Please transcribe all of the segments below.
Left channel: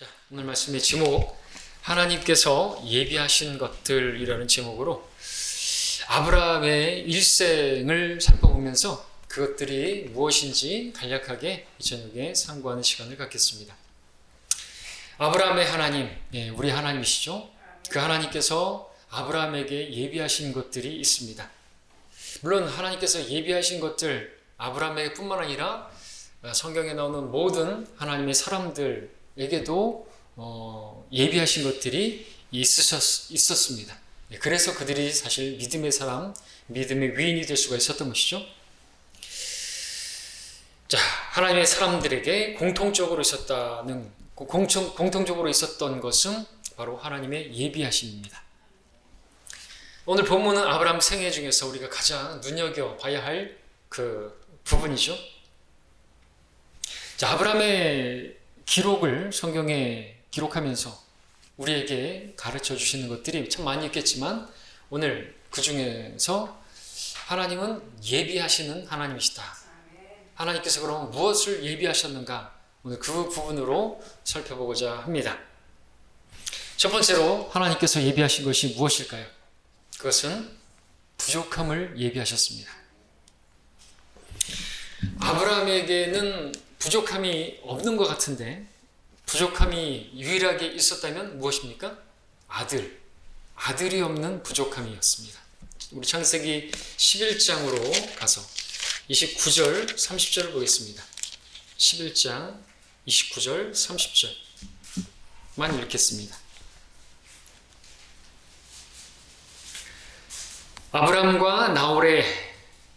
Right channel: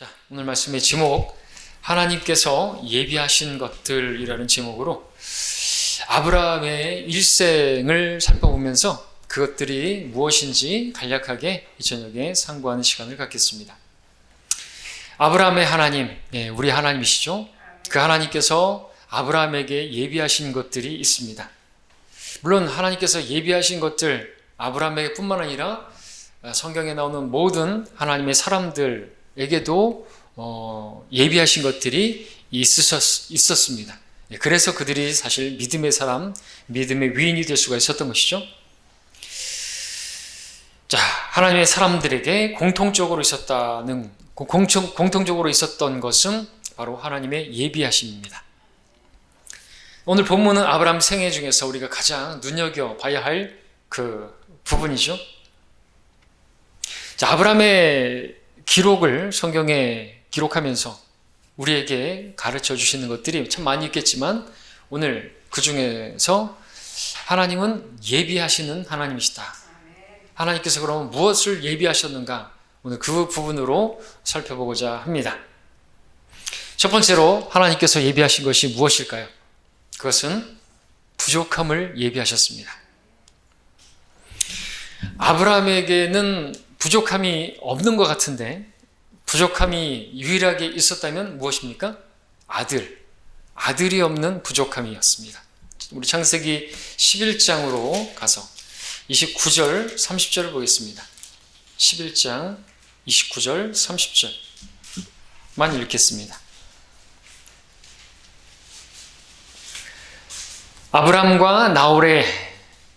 자, 오늘 말씀의 제목, 하나님께서 예비하신 것들이라는 제목으로 아브라함의 일생을 살펴보면서 그것들이 무엇인지 간략하게 이 저녁에 상고하는 시간을 갖겠습니다. 아브라함의 하나님, 우리 하나님이시죠. 그 하나님께서 아브라함에게 예비하신 것들이 있습니다. 물론 하나님께서 예비하신 것들, 아브라함에게 뿐만 아니라 성경에 나오는 모든 하나님의 사람들에게도 예비하신 것들이 있었습니다. 그래서 그들이 사실 믿음의 사람, 믿음의 위인이 될 수가 있었던 것이죠. 자, 하나님의 사람들에게 공통적으로 있었던 것은 바로 하나님의 예비하심입니다. 오늘 본문은 아브라함 생애 중에서 우리가 가장 눈여겨봐야 할 그 부분이죠. 자, 아브라함의 기록을 성경에 기록하면서 우리에게 가르쳐 주시는 것들이 참 많이 있겠지만 오늘 그 중에서 하나님은 예비하시는 하나님이시다. 하나님께서 그러면 무엇을 예비하셨는가? 오늘 그 부분으로 살펴보고자 합니다. 첫 번째로 하나님께서 예비하신 것이 무엇일까요? 그것은 부족함을 예비하셨습니다. 아브라함에게는 부족함이 없는 것 같은데 부족함이 유일하게 있었다면 무엇입니까? 아들이 없는 부족함이었습니다. 우리 창세기 11장으로 가서 29절, 30절을 보겠습니다. 11장 29절, 30절만 읽겠습니다. 아브람과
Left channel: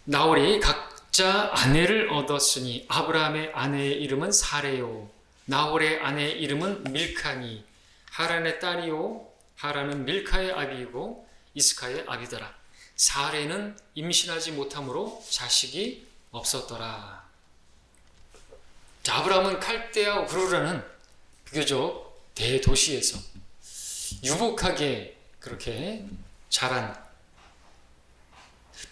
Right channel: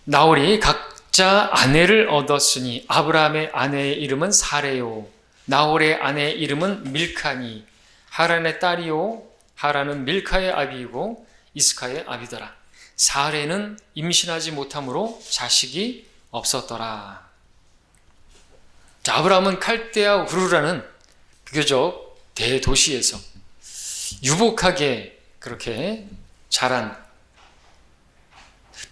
나홀이 각자 아내를 얻었으니 아브라함의 아내의 이름은 사레요, 나홀의 아내의 이름은 밀카니, 하란의 딸이요, 하란은 밀카의 아비이고 이스카의 아비더라. 사레는 임신하지 못함으로 자식이 없었더라. 자, 아브라함은 칼데아 우르라는 비교적 대도시에서 유복하게 그렇게 자란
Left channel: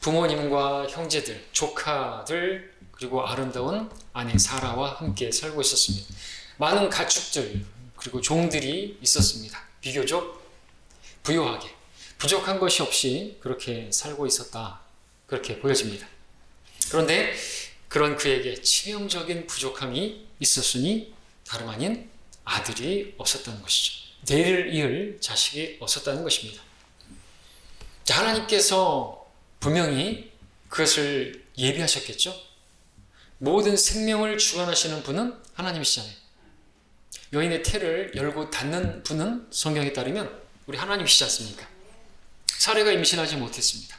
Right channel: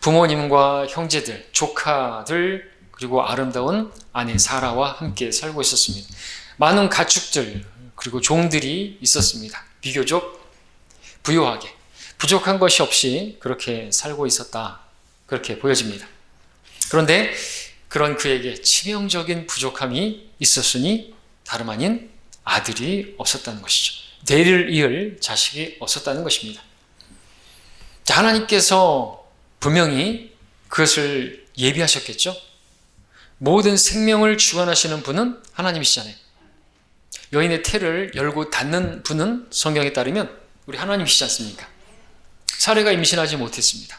부모님과 형제들, 조카들, 그리고 아름다운 아내 사라와 함께 살고 있었습니다. 많은 가축들, 그리고 종들이 있었습니다. 비교적 부유하게, 부족한 것이 없이 그렇게 살고 있었다. 그렇게 보여집니다. 그런데 그런 그에게 치명적인 부족함이 있었으니 다름 아닌 아들이 없었다는 것이죠. 대를 이을 자식이 없었다는 것입니다. 자, 하나님께서 분명히 그것을 예비하셨겠죠? 모든 생명을 주관하시는 분은 하나님이시잖아요. 여인의 태를 열고 닫는 분은 성경에 따르면 우리 하나님이시지 않습니까? 사레가 임신하지 못했습니다.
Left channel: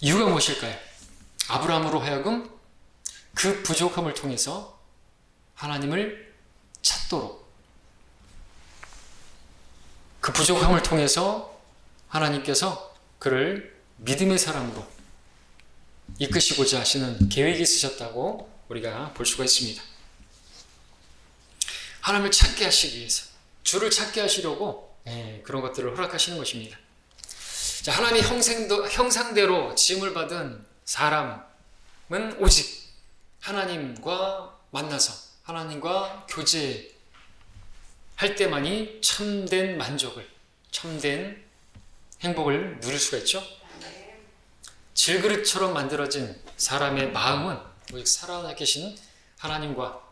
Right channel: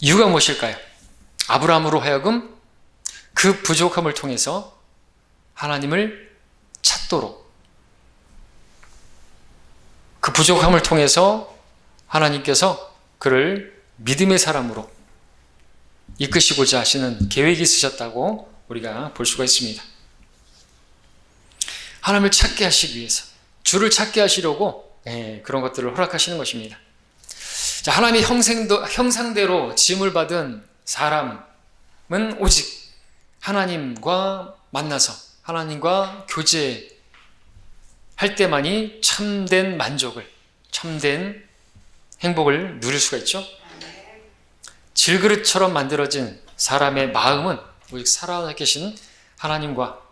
이유가 무엇일까요? 아브라함으로 하여금 그 부족함을 통해서 하나님을 찾도록, 그 부족함을 통해서 하나님께서 그를 믿음의 사람으로 이끄시고자 하시는 계획이 있으셨다고 우리가 볼 수가 있습니다. 하나님을 찾게 하시기 위해서, 주를 찾게 하시려고 그런 것들을 허락하시는 것입니다. 자, 하나님의 형상대로 지음을 받은 사람은 오직 하나님과 만나서 하나님과 교제할 때만이 참된 만족을, 참된 행복을 누릴 수가 있죠. 질그릇처럼 만들어진 사람의 마음은 오직 살아계신 하나님과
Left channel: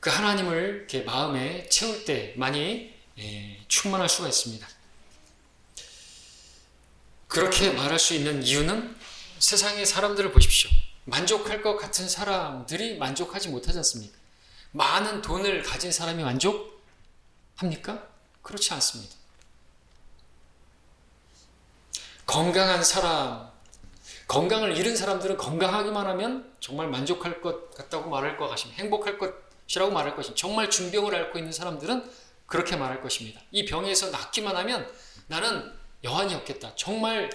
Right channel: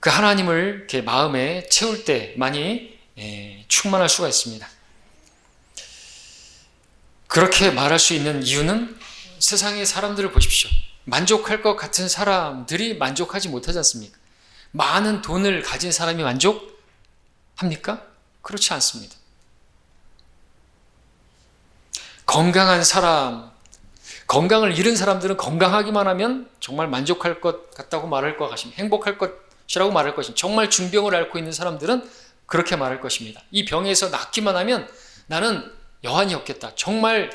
그 하나님을 이렇게 마음에 채울 때만이 충만할 수가 있습니다. 그렇게 말할 수 있는 이유는 세상의 사람들을 보십시오. 만족할 것 같은 사람들이 만족하지 못하지 않습니까? 많은 돈을 가진 사람이 만족합니까? 그렇지 않습니다. 건강한 사람, 건강을 잃은 사람들은 건강하기만 하면 정말 만족할 것 같다고 말할 것 같습니다. 행복할 것이라고 말할 것입니다. 정말 중병을 앓고 있는 사람들은 그렇게 말할 것입니다. 이 병에서 낫기만 하면 나는 여한이 없겠다. 정말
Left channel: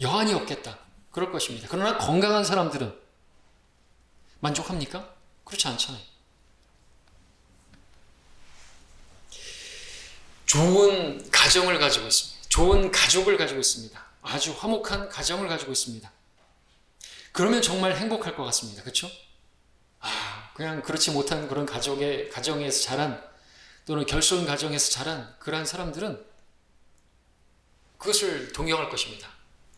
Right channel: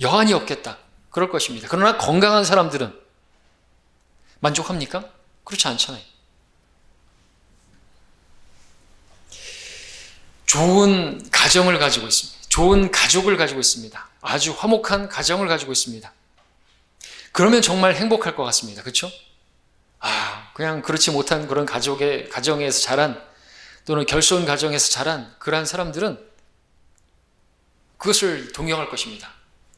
여한이 없겠다. 그럴 것입니다. 그러나 건강한 사람들은 만족합니까? 그렇지 않잖아요. 좋은 가정을 가지고 있습니다. 좋은 가족을 가지고 있습니다. 아주 화목한 가정을 가지고 있습니다. 그러면 정말 행복할 것 같습니다. 그렇죠? 그냥 그렇지 못한 그런 가정에서 자란, 또는 결손 가정에서 자란 그러한 사람들은 그것을 동경할 것입니다.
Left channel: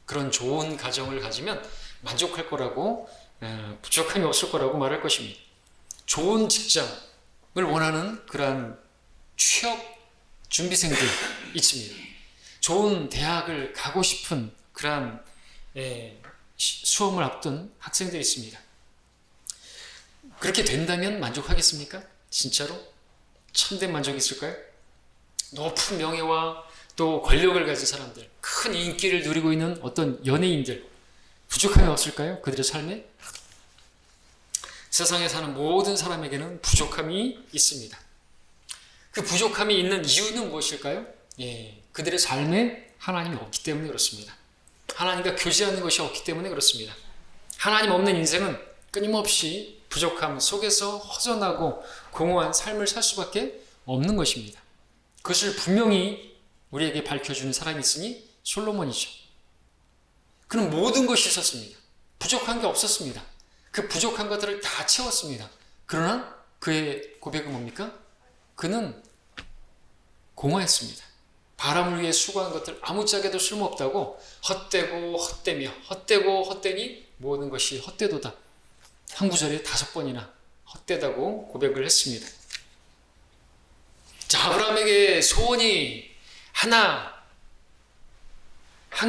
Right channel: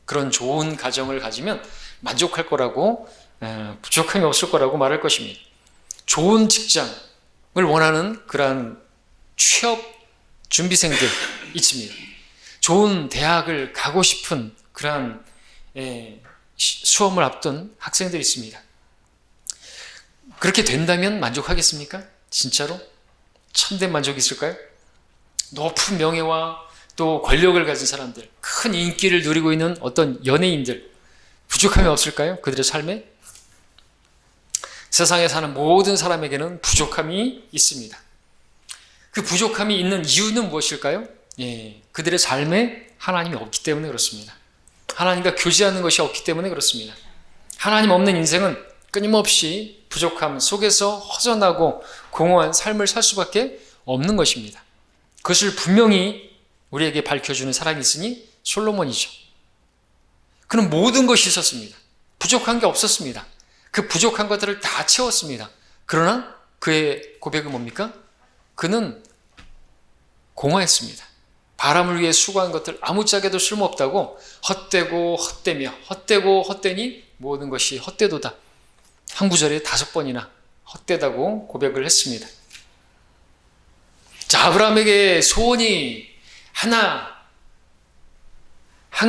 그런 좋은 가정을 가지면 만족할 거라고, 부족함이 없을 거라고 말할 것입니다. 좋은 직장을 원하는 그러한 취업 준비생들 있습니다. 좋은 대학을 가고 싶은 그러한 수험을 앞둔 학생들이 있습니다. 그렇게 된다면 만족하겠습니까? 진짜로? 참된 만족이 있을까요? 높은 명예와 또 권력을 가진 사람들, 큰 인기를 누리고 있는 어떤 연예인들, 부족함이 없을까요? 그들의 삶에? 세상에 사는 모든 사람에게는 부족함이 있습니다. 그 부족함이 있는 이유는 무엇일까요? 그들의 삶에 하나님이 없기 때문에 그렇습니다. 하나님과 교제하는 것이 없기 때문에 그렇습니다. 하나님 없는 인생은 끊임없이 부족함 속에서 허전하고 공허한 삶을 살 수밖에 없는 것입니다. 그것을 분명히 우리에게 밝혀주는 사람이 있으니 솔로몬이죠. 그는 모든 것이 있었습니다. 부족한 게 없었습니다. 그 부족한 것들을 다 채웠습니다. 그러나 그의 고백은 뭡니까? 그는 공허했습니다. 바람을 위해 수고한 것들 아무짝에도 쓸모없다고 헛되고 헛되며 헛되고 헛되니 모든 것이 헛되도다. 한 구절에 5번이나 헛되다고 고백을 했습니다. 자, 아브라함에게 소원이 한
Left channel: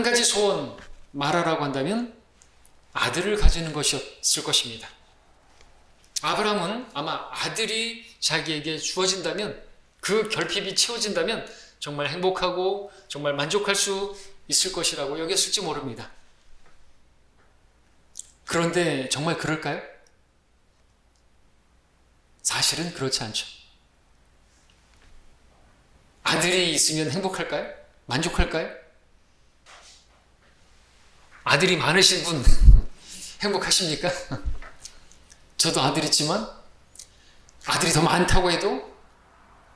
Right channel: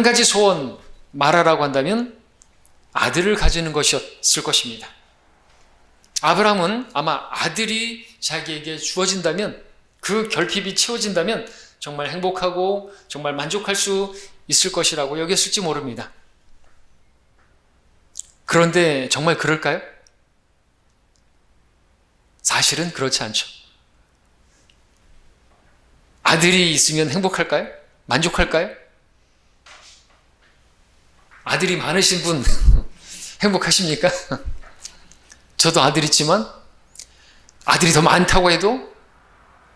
가지 소원 말하라고 한다면 아들을 가지는 것이었을 것입니다. 아브라함은 아마 아들이 자기에게 주어진다면, 그 결핍이 채워진다면 정말 행복하고 정말 만족할 수 있을 것이라고 여겼을지 모릅니다. 그런데 정말 그럴까요? 사실은 그렇지 않죠. 아들이 있으면 행복할까요? 만족할까요? 아들이 많으신 분 행복하십니까? 저도 아들 있지만 아들이 더 많다고 해도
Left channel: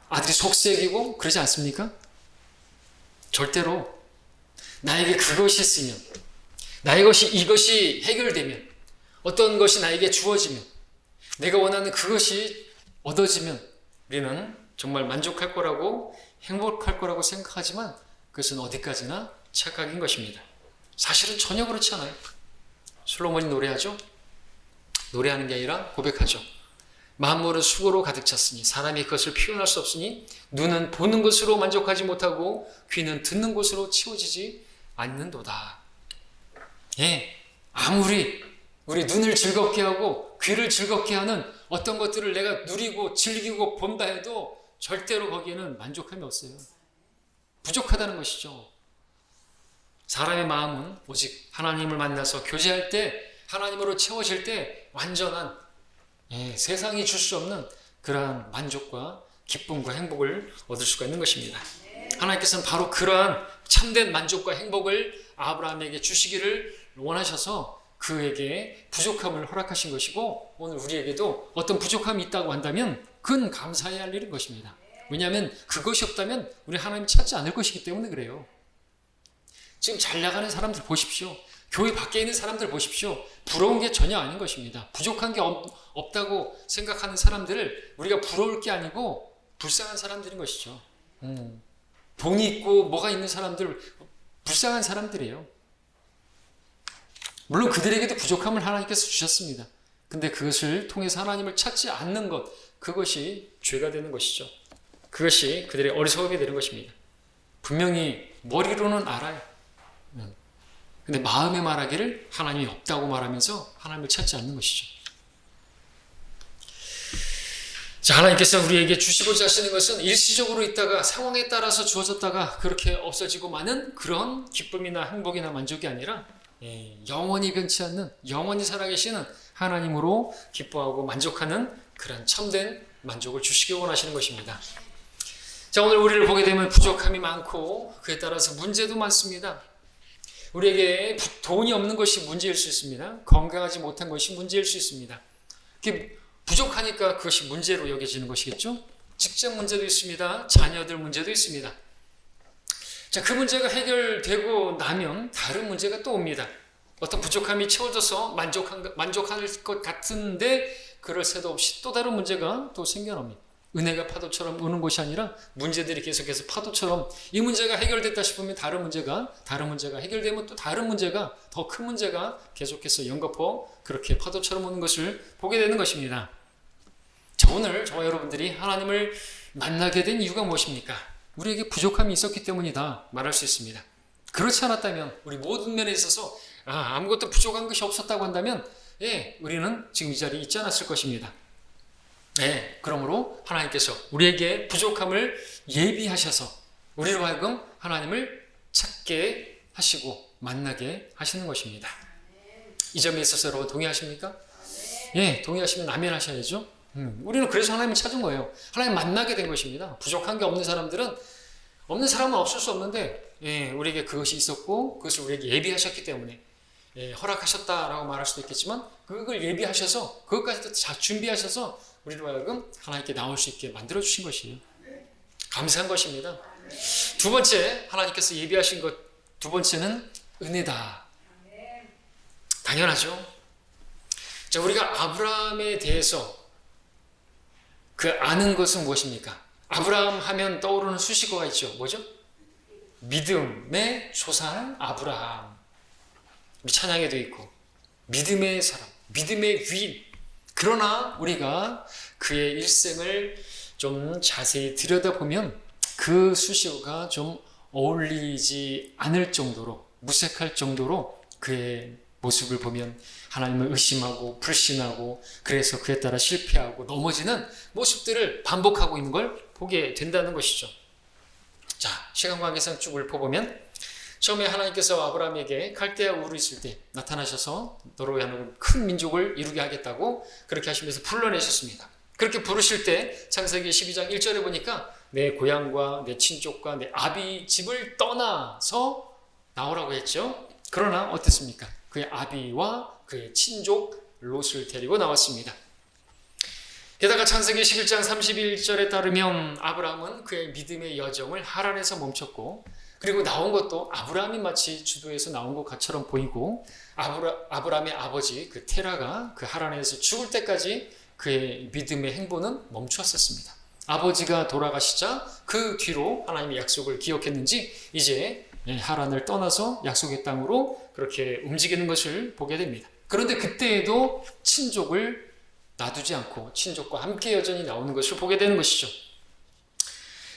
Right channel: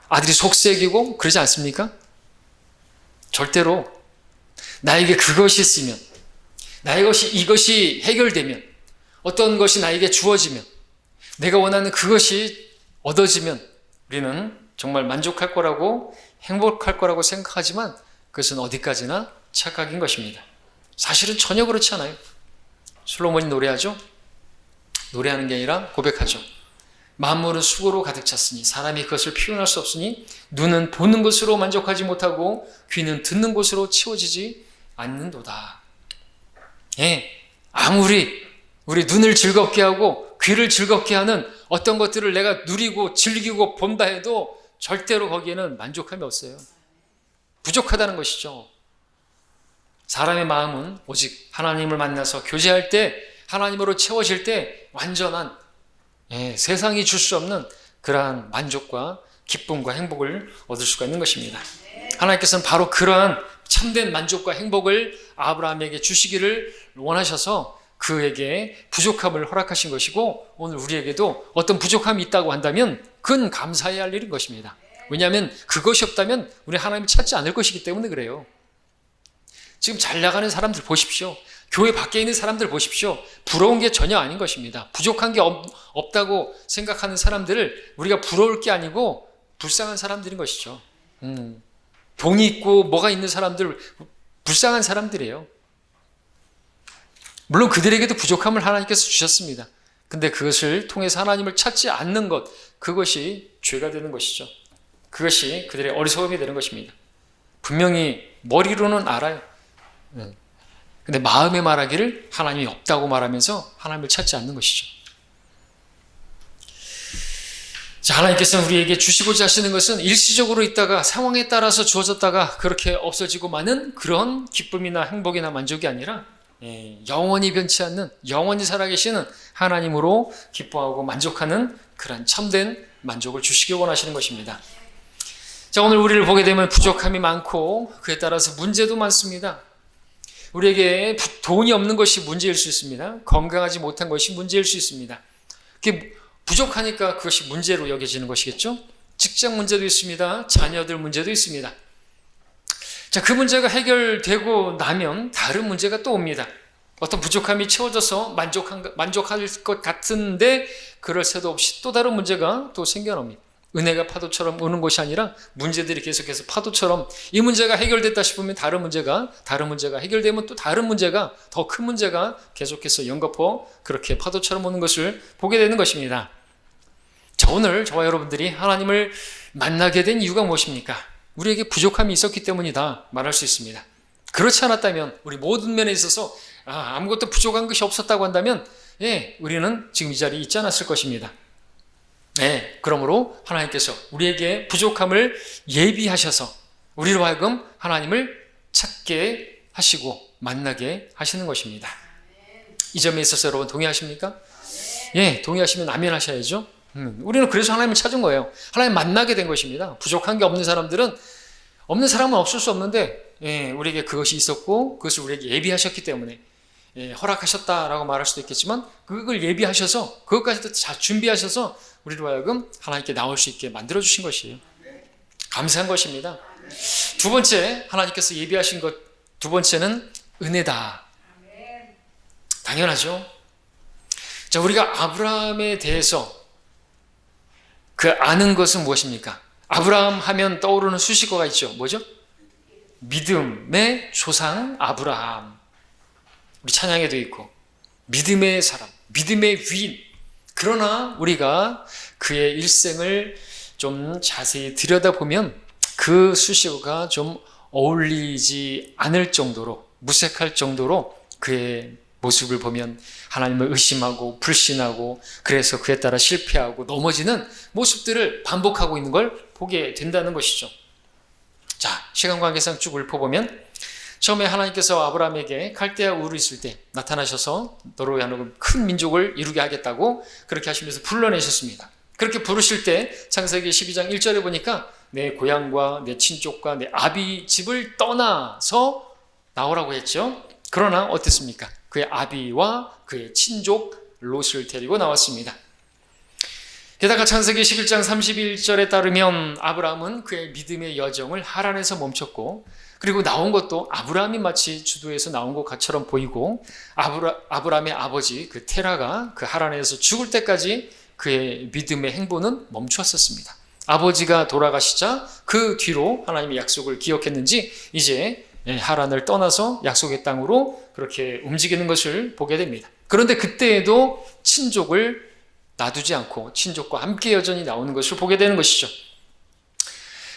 아들이 속색이고 그러지 않습니까? 절대로 나에게 그것이 있으면, 이것이 해결되면, 어떤 것이 나에게 주어지면, 내가 원하는 그것이 얻어지면 우리는 정말 만족할 거라고, 행복할 거라고 생각하지만 그것은 어디까지나 착각인 것입니다. 사실은 전혀 그렇지 않아요. 솔로몬이 노래하죠? 노래하는 게 아니라 고백하죠. 만물은 수고로 가득 찼으니 사람이 그것을 표현할 수 없으니 눈은 보는 것으로 만족하지 못하고 귀는 듣는 것으로 채워지지 않는도다. 아무리 우리 눈을 즐겁게 하고 귀를 즐겁게 하는 어떤 것들을 내가 누리고 즐기고 본다 해도 절대로 거기에는 만족함이 없어요. 부족하다는 것이죠. 사람의 마음은 오직 하나님을 만나서 교제할 때, 하나님으로 채워질 때 완전한, 세상이 줄 수 없는 그러한 만족과 기쁨과 행복을 얻을 수가 있는 것입니다. 하나님께서는 바로 그러한 참된 만족과 행복을 아브라함에게 주시기를 원하셔서 그에게 부족함을 허락하신 것이고, 오늘 우리에게도 어떤 부족함이 있다고 한다면 그건 감사해야 할 일인 것입니다. 왜냐하면 그것이 없다면 우리 하나님을 찾지 않을 것이기 때문에 그래요. 지금 잘 나가는 사람들 보십시오. 교회 밖에 있는 사람들 보십시오. 부러운 게 전혀 아닌 것입니다. 부족한 게 없다고 생각하는 사람들을 우리가 부러울 게 아니고 불쌍한 사람들인 것이죠. 돈이 있고 뭐가 있는 사람들, 불쌍한 사람들이에요. 물론 그들에게도 부족함을 하나님께서 주셨습니다. 근데 그것을 통해서 하나님을 찾지 않는 것, 그것이 죄가 되는 것이죠. 그것이 그들의 어리석음이 되는 것입니다. 분명히 머리로는 알아요. 근데 마음에 말하기를 하나님이 없다고 말하면서 하나님을 찾지 않는 것이죠. 자, 하나님께서는 우리에게 주시고자 하시는 것은 일시적으로 있다가 상황에 따라서 주어졌다가 그렇게 없어지고 마는 그런 기쁨이나 행복이나 만족이 아니라 영원히 변치 않는, 영원히 살아계시는 하나님으로 기뻐하고 만족하는 그런 참된 만족을 주시기 원하시는 것입니다. 자, 오늘 우리를 보게 되면 부족함이 많고 그에 따라서 문제도 많습니다. 우리에게 돈이 없는 것이 문제일 수 있습니다. 건강하지 못한 것이 문제일 수 있습니다. 그게 부족하니까 그것이 문제로 여겨지는 것이겠죠. 직장 문제도 있습니다. 자녀들 문제도 있습니다. 자, 그 문제가 해결되고 나면 다른 문제가 또 옵니다. 어떤 부족함이 채워져서 만족할 것 같은데 그럴 새도 없이 또 다른 문제가 또 생겨납니다. 은혜가 파도처럼 오는 것이 아니라 문제들이 계속해서 파도처럼 이 문제가 해결됐다 싶으면 다른 문제가 해결되면 또 다른 문제가 더 큰 문제가 계속해서 연거푸 그렇게 파도처럼 오는 것을 보게 되는 것입니다. 자, 오늘 저와 여러분들이 하나님을 만나게 된 이유가 무엇입니까? 우리에게 부족함이 있었기 때문이다 말할 수 있습니다. 그렇지 않았다면 우리 모든 면에 있어서 아무것도 부족한 것이 없었다고 한다면 우리는 지금 이 자리에 있지 않았을 것입니다. 그러므로 하나님께서 우리에게 부족함을 예비하셔서 우리로 하여금 하나님을 찾게 하시고 만나게 하시는 것입니다. 이 점에 있어서 여러분 동의하십니까? 동의하시면 아멘 하셔야죠. 우리는 그래서 하나님을 찾은 거예요. 하나님 만나게 된 것입니다. 부족한 게 없는 사람들은 없는 사람은 없을 수 없는데 우리에게 그것이 있었고 그것을 우리에게 예비하셨기 때문에 허락하셨다라고 말할 수도 있겠지만 그걸 예비하셔서 그것까지도 잘 준비하셔서 우리로 하여금 하나님께 나올 수 있게 만들어주신 것이에요. 감사한 것입니다. 두 번째, 하나님께서 예비하신 것 두 번째는 은혜다. 당연하죠. 자, 우리가 아브라함에 대해서 그 아는 것은 무엇입니까? 아브라함 하면 떠오르는 수식어가 있죠. 뭐죠? 믿음의 조상 아브라함. 우리 찬양에도 있고 믿음의 사람, 믿음의 위인. 그러나 우리가 그의 일생을 좀 자세히 들여다보면 그 수식어가 좀 어울리지 않을 정도로 무색할 정도로 그의 모습을 보면 하나님을 의심하고 불신하고 그래서 그에 따라 실패하고 넘어지는 모습들을 반복하고 있는 걸 보게 된다는 것이죠. 자, 시간 관계상 쭉 읊어보면 처음에 하나님께서 아브라함에게 갈대아 우르 있을 때 나타나셔서 너로 하여금 큰 민족을 이루게 하겠다고 그렇게 하시면서 불러내셨습니다. 그렇게 부르실 때 창세기 12장 1절에 보니까 내 고향과 내 친족과 내 아비 집을 떠나서 나오라고 했죠. 그러나 어땠습니까? 그의 아비와 그의 친족 롯을 데리고 나왔습니다. 게다가 창세기 11장 31절에 따르면 아브라함은 그의 믿음의 여정을 하란에서 멈췄고 그리고 나온 것도 아브라함이 마치 주도에서 나온 것처럼 보이고 아브라함의 아버지 그 테라가 그 하란에서 죽을 때까지 그의 믿음의 행보는 멈추었었습니다. 아버지가 돌아가시자 그 뒤로 하나님의 약속을 기억했는지 이제 하란을 떠나서 약속의 땅으로 그렇게 움직이는 것을 보게 됩니다. 그런데 그때에도 친족을 놔두지 않고 친족과 함께 여전히 나오는 것을 보게 되는 것이죠.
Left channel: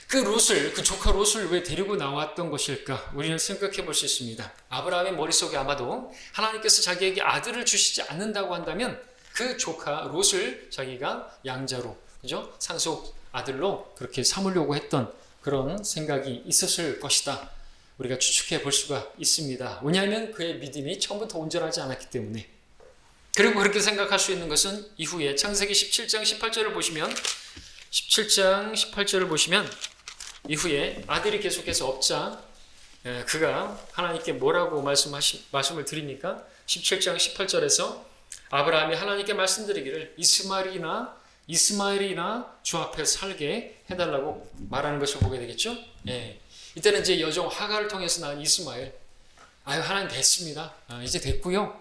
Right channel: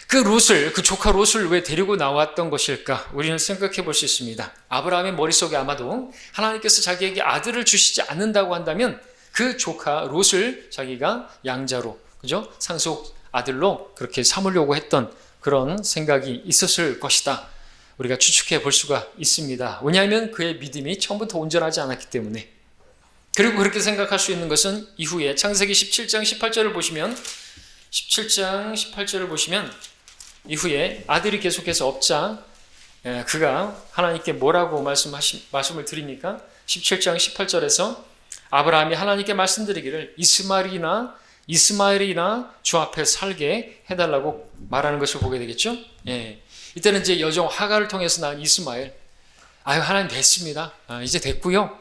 그 조카 롯을 왜 데리고 나왔던 것일까? 우리는 생각해 볼 수 있습니다. 아브라함의 머릿속에 아마도 하나님께서 자기에게 아들을 주시지 않는다고 한다면 그 조카 롯을 자기가 양자로, 그죠? 상속 아들로 그렇게 삼으려고 했던 그런 생각이 있었을 것이다. 우리가 추측해 볼 수가 있습니다. 왜냐하면 그의 믿음이 처음부터 온전하지 않았기 때문에. 그리고 그렇게 생각할 수 있는 것은 이후에 창세기 17장 18절을 보시면 17장 18절을 보시면 이후에 아들이 계속해서 없자 그가 하나님께 뭐라고 말씀을 드립니까? 17장 18절에서 아브라함이 하나님께 말씀드리기를 이스마엘이나 주 앞에 살게 해달라고 말하는 것을 보게 되겠죠. 이때는 이제 여종 하갈을 통해서 낳은 이스마엘. 하나님 됐습니다. 이제 됐고요.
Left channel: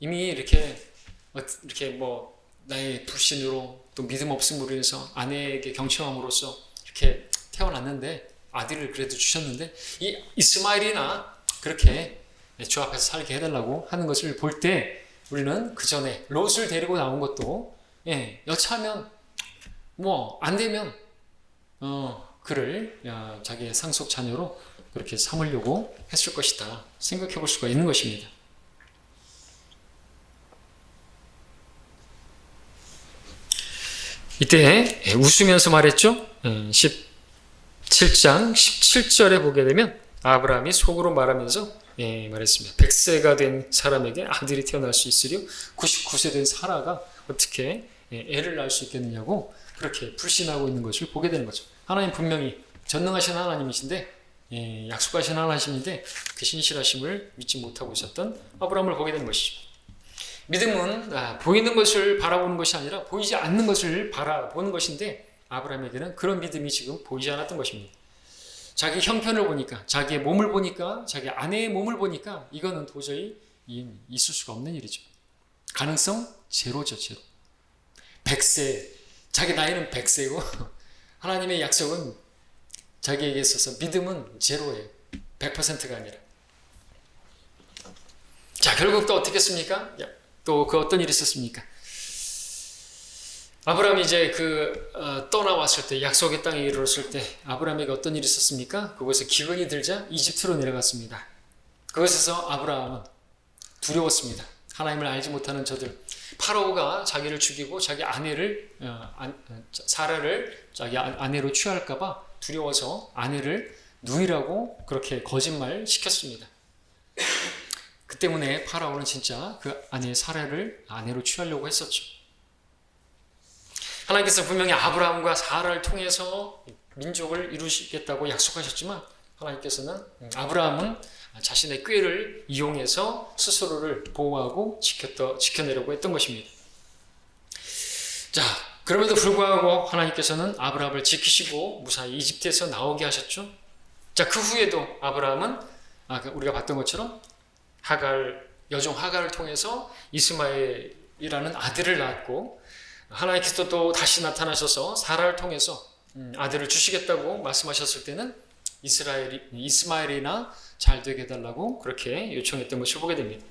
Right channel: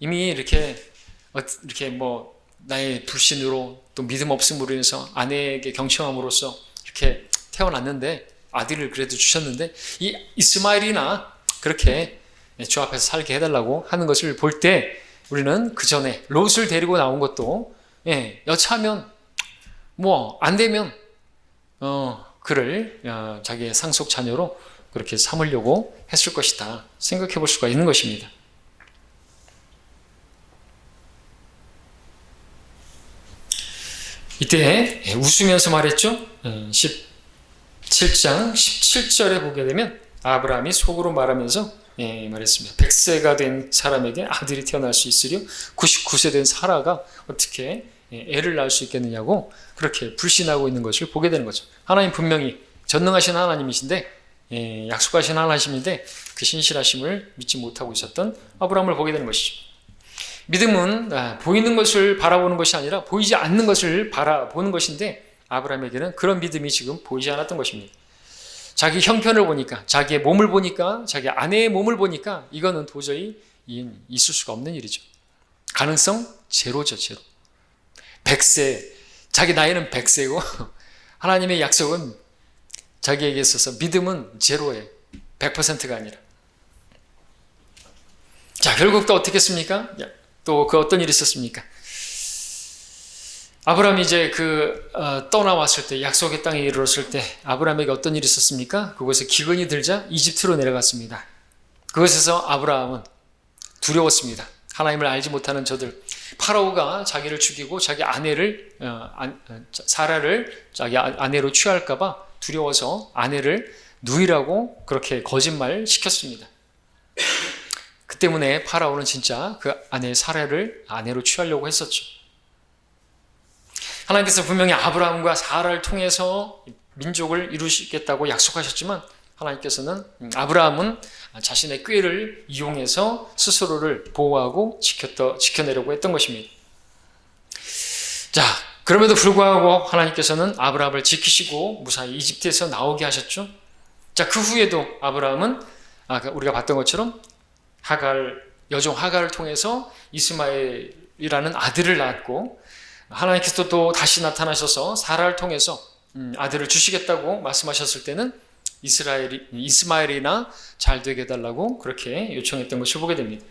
이미 이렇게 뭐 나의 불신으로 또 믿음 없음으로 인해서 아내에게 경청함으로써 이렇게 태어났는데 아들을 그래도 주셨는데 이 이스마엘이나 그렇게 주 앞에서 살게 해달라고 하는 것을 볼 때 우리는 그 전에 롯을 데리고 나온 것도 여차하면 뭐 안 되면 그를 자기의 상속 자녀로 그렇게 삼으려고 했을 것이다 생각해 볼 수가 있는 것입니다. 이때 웃으면서 말했죠. 17장 17절에 보게 되면 아브라함이 속으로 말하면서 말했습니다. 100세가 된 사람에게 아들이 태어날 수 있으려 99세 된 사라가 어떻게 애를 낳을 수 있겠느냐고 그렇게 불신하고 있는 것을 보게 되는 거죠. 하나님 분명히 전능하신 하나님이신데 약속하신 하나님인데 그 신실하심을 믿지 못하고 있었던 아브라함을 보게 되는 것이죠. 믿음은 보이는 것을 바라보는 것이 아니라 보이지 않는 것을 바라보는 것인데 아브라함에게는 그런 믿음이 지금 보이지 않았던 것입니다. 자기 형편을 보니까, 자기의 몸을 보니까, 자기 아내의 몸을 보니까 이거는 도저히 있을 수가 없는 일이죠. 가능성 제로죠, 제로. 100세, 자기 나이는 100세고 하나님의 약속은 자기에게 있어서 믿음은 제로예요. 100%가 아니라. 자, 결국 또 어떻게 했습니까? 또 그 어떤 일이 있었습니까? 아브라함이 이제 떠나왔을 때, 약속의 땅에 이르렀을 때 아브라함에게 어떤 일이 있었습니까? 그곳에 기근이 들자 이집트로 내려갔습니다. 그것에서 아브라함은 두려웠습니다. 하나님을 알지 못하는 저들, 파라오가 자기를 죽이고 자기 아내를 사라를 자기 아내로 취할까 봐 두려워서 아내를 누이라고 그렇게 거짓말 시켰습니다. 그 때문에 파라오는 진짜 그 아내 사라를 아내로 취하려고 했었죠. 하나님께서 분명히 아브라함과 사라를 통해서 민족을 이루시겠다고 약속하셨지만 하나님께서는 아브라함은 자신의 꾀를 이용해서 스스로를 보호하고 지켜내려고 했던 것입니다. 자, 그럼에도 불구하고 하나님께서는 아브라함을 지키시고 무사히 이집트에서 나오게 하셨죠. 자, 그 후에도 아브라함은 우리가 봤던 것처럼 여종 하갈을 통해서 이스마엘이라는 아들을 낳았고, 하나님께서 또 다시 나타나셔서 사라를 통해서 아들을 주시겠다고 말씀하셨을 때는 이스마엘이나 잘 되게 해달라고 그렇게 요청했던 것을 보게 됩니다.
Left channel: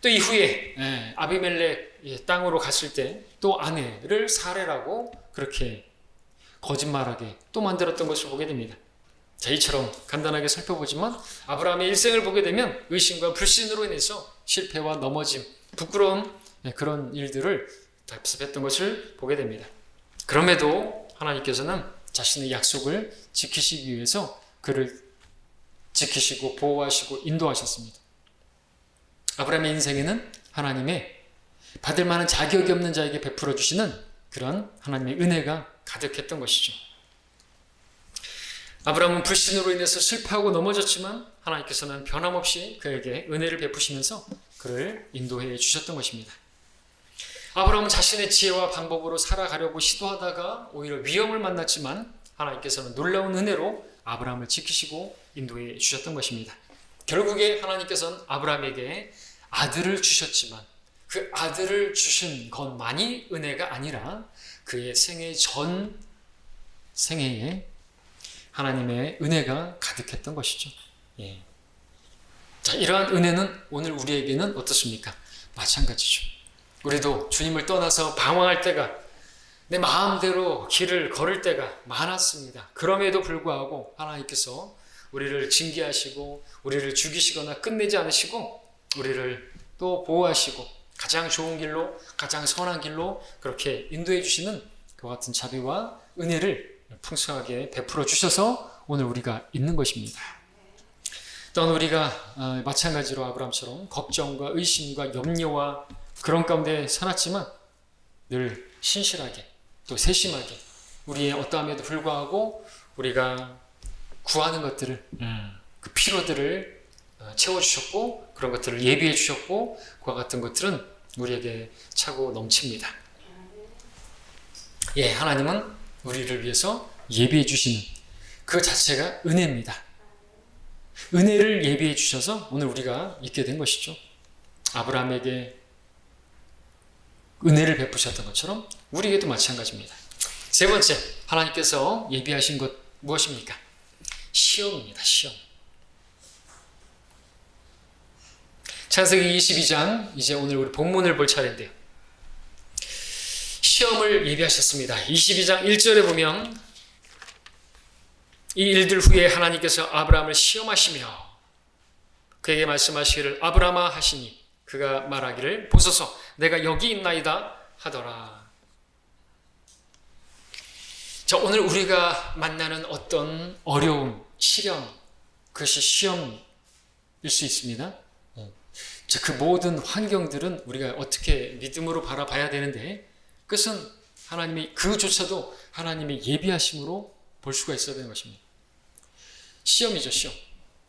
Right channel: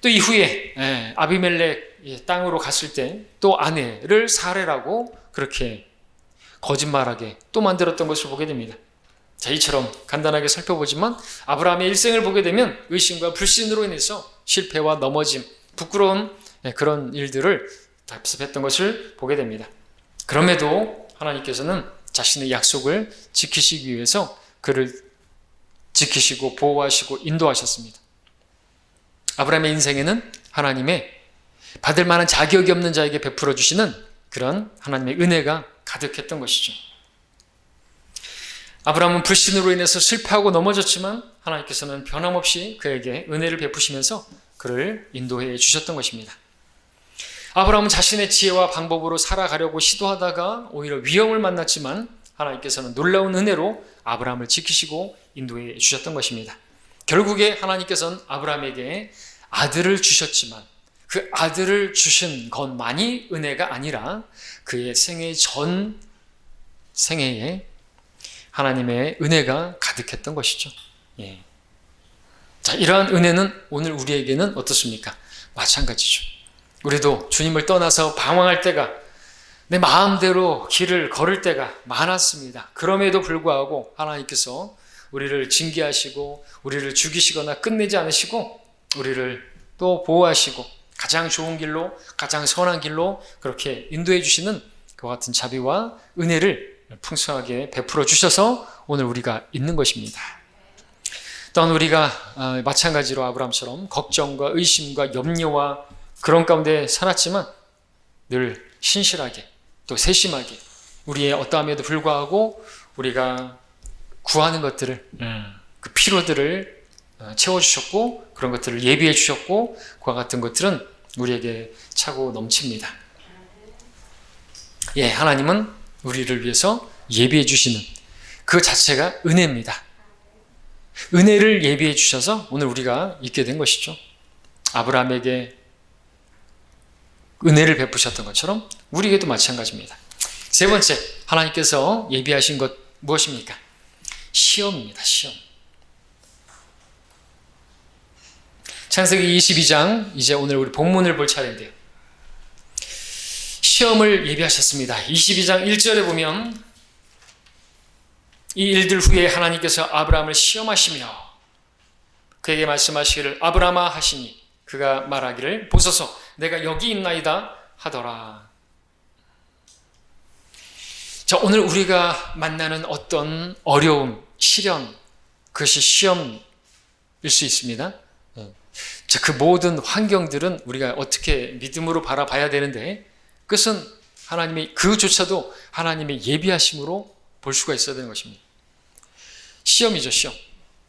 또 이후에 아비멜렉 땅으로 갔을 때 또 아내를 사레라고 그렇게 거짓말하게 또 만들었던 것을 보게 됩니다. 자, 이처럼 간단하게 살펴보지만 아브라함의 일생을 보게 되면 의심과 불신으로 인해서 실패와 넘어짐, 부끄러운 그런 일들을 답습했던 것을 보게 됩니다. 그럼에도 하나님께서는 자신의 약속을 지키시기 위해서 그를 지키시고 보호하시고 인도하셨습니다. 아브라함의 인생에는 하나님의 받을 만한 자격이 없는 자에게 베풀어 주시는 그런 하나님의 은혜가 가득했던 것이죠. 아브라함은 불신으로 인해서 실패하고 넘어졌지만 하나님께서는 변함없이 그에게 은혜를 베푸시면서 그를 인도해 주셨던 것입니다. 아브라함은 자신의 지혜와 방법으로 살아가려고 시도하다가 오히려 위험을 만났지만 하나님께서는 놀라운 은혜로 아브라함을 지키시고 인도해 주셨던 것입니다. 결국에 하나님께서는 아브라함에게 아들을 주셨지만 그 아들을 주신 것만이 은혜가 아니라 그의 생애 전 생애에 하나님의 은혜가 가득했던 것이죠. 예. 자, 이러한 은혜는 오늘 우리에게는 어떻습니까? 마찬가지죠. 우리도 주님을 떠나서 방황할 때가, 내 마음대로 길을 걸을 때가 많았습니다. 그럼에도 불구하고 하나님께서 우리를 징계하시고 우리를 죽이시거나 끝내지 않으시고 우리를 또 보호하시고 가장 좋은 길로, 가장 선한 길로 그렇게 인도해 주시는 그와 같은 자비와 은혜를 풍성하게 베풀어 주셔서 오늘 우리가 있는 것입니다. 또한 우리가 마찬가지로 아브라함처럼 걱정과 의심과 염려와 그런 가운데 살았지만 늘 신실하게 또 세심하게 우리의 어떠함에도 불구하고 우리가 구하는 것들을, 그 필요들을 채워주셨고 그런 것들을 예비해 주셨고 그와 같은 것들은 우리에게 차고 넘칩니다. 예, 하나님은 우리를 위해서 예비해 주시는 그 자체가 은혜입니다. 은혜를 예비해 주셔서 오늘 우리가 있게 된 것이죠. 아브라함에게 은혜를 베푸셨던 것처럼 우리에게도 마찬가지입니다. 세 번째, 하나님께서 예비하신 것 무엇입니까? 시험입니다. 시험. 창세기 22장, 이제 오늘 우리 본문을 볼 차례인데요. 시험을 예비하셨습니다. 22장 1절에 보면 이 일들 후에 하나님께서 아브라함을 시험하시며 그에게 말씀하시기를 아브라함아 하시니 그가 말하기를 보소서 내가 여기 있나이다 하더라. 자, 오늘 우리가 만나는 어떤 어려움, 시련, 그것이 시험일 수 있습니다. 자, 그 모든 환경들은 우리가 어떻게 믿음으로 바라봐야 되는데 그것은 하나님의 그조차도 하나님의 예비하심으로 볼 수가 있어야 되는 것입니다. 시험이죠, 시험.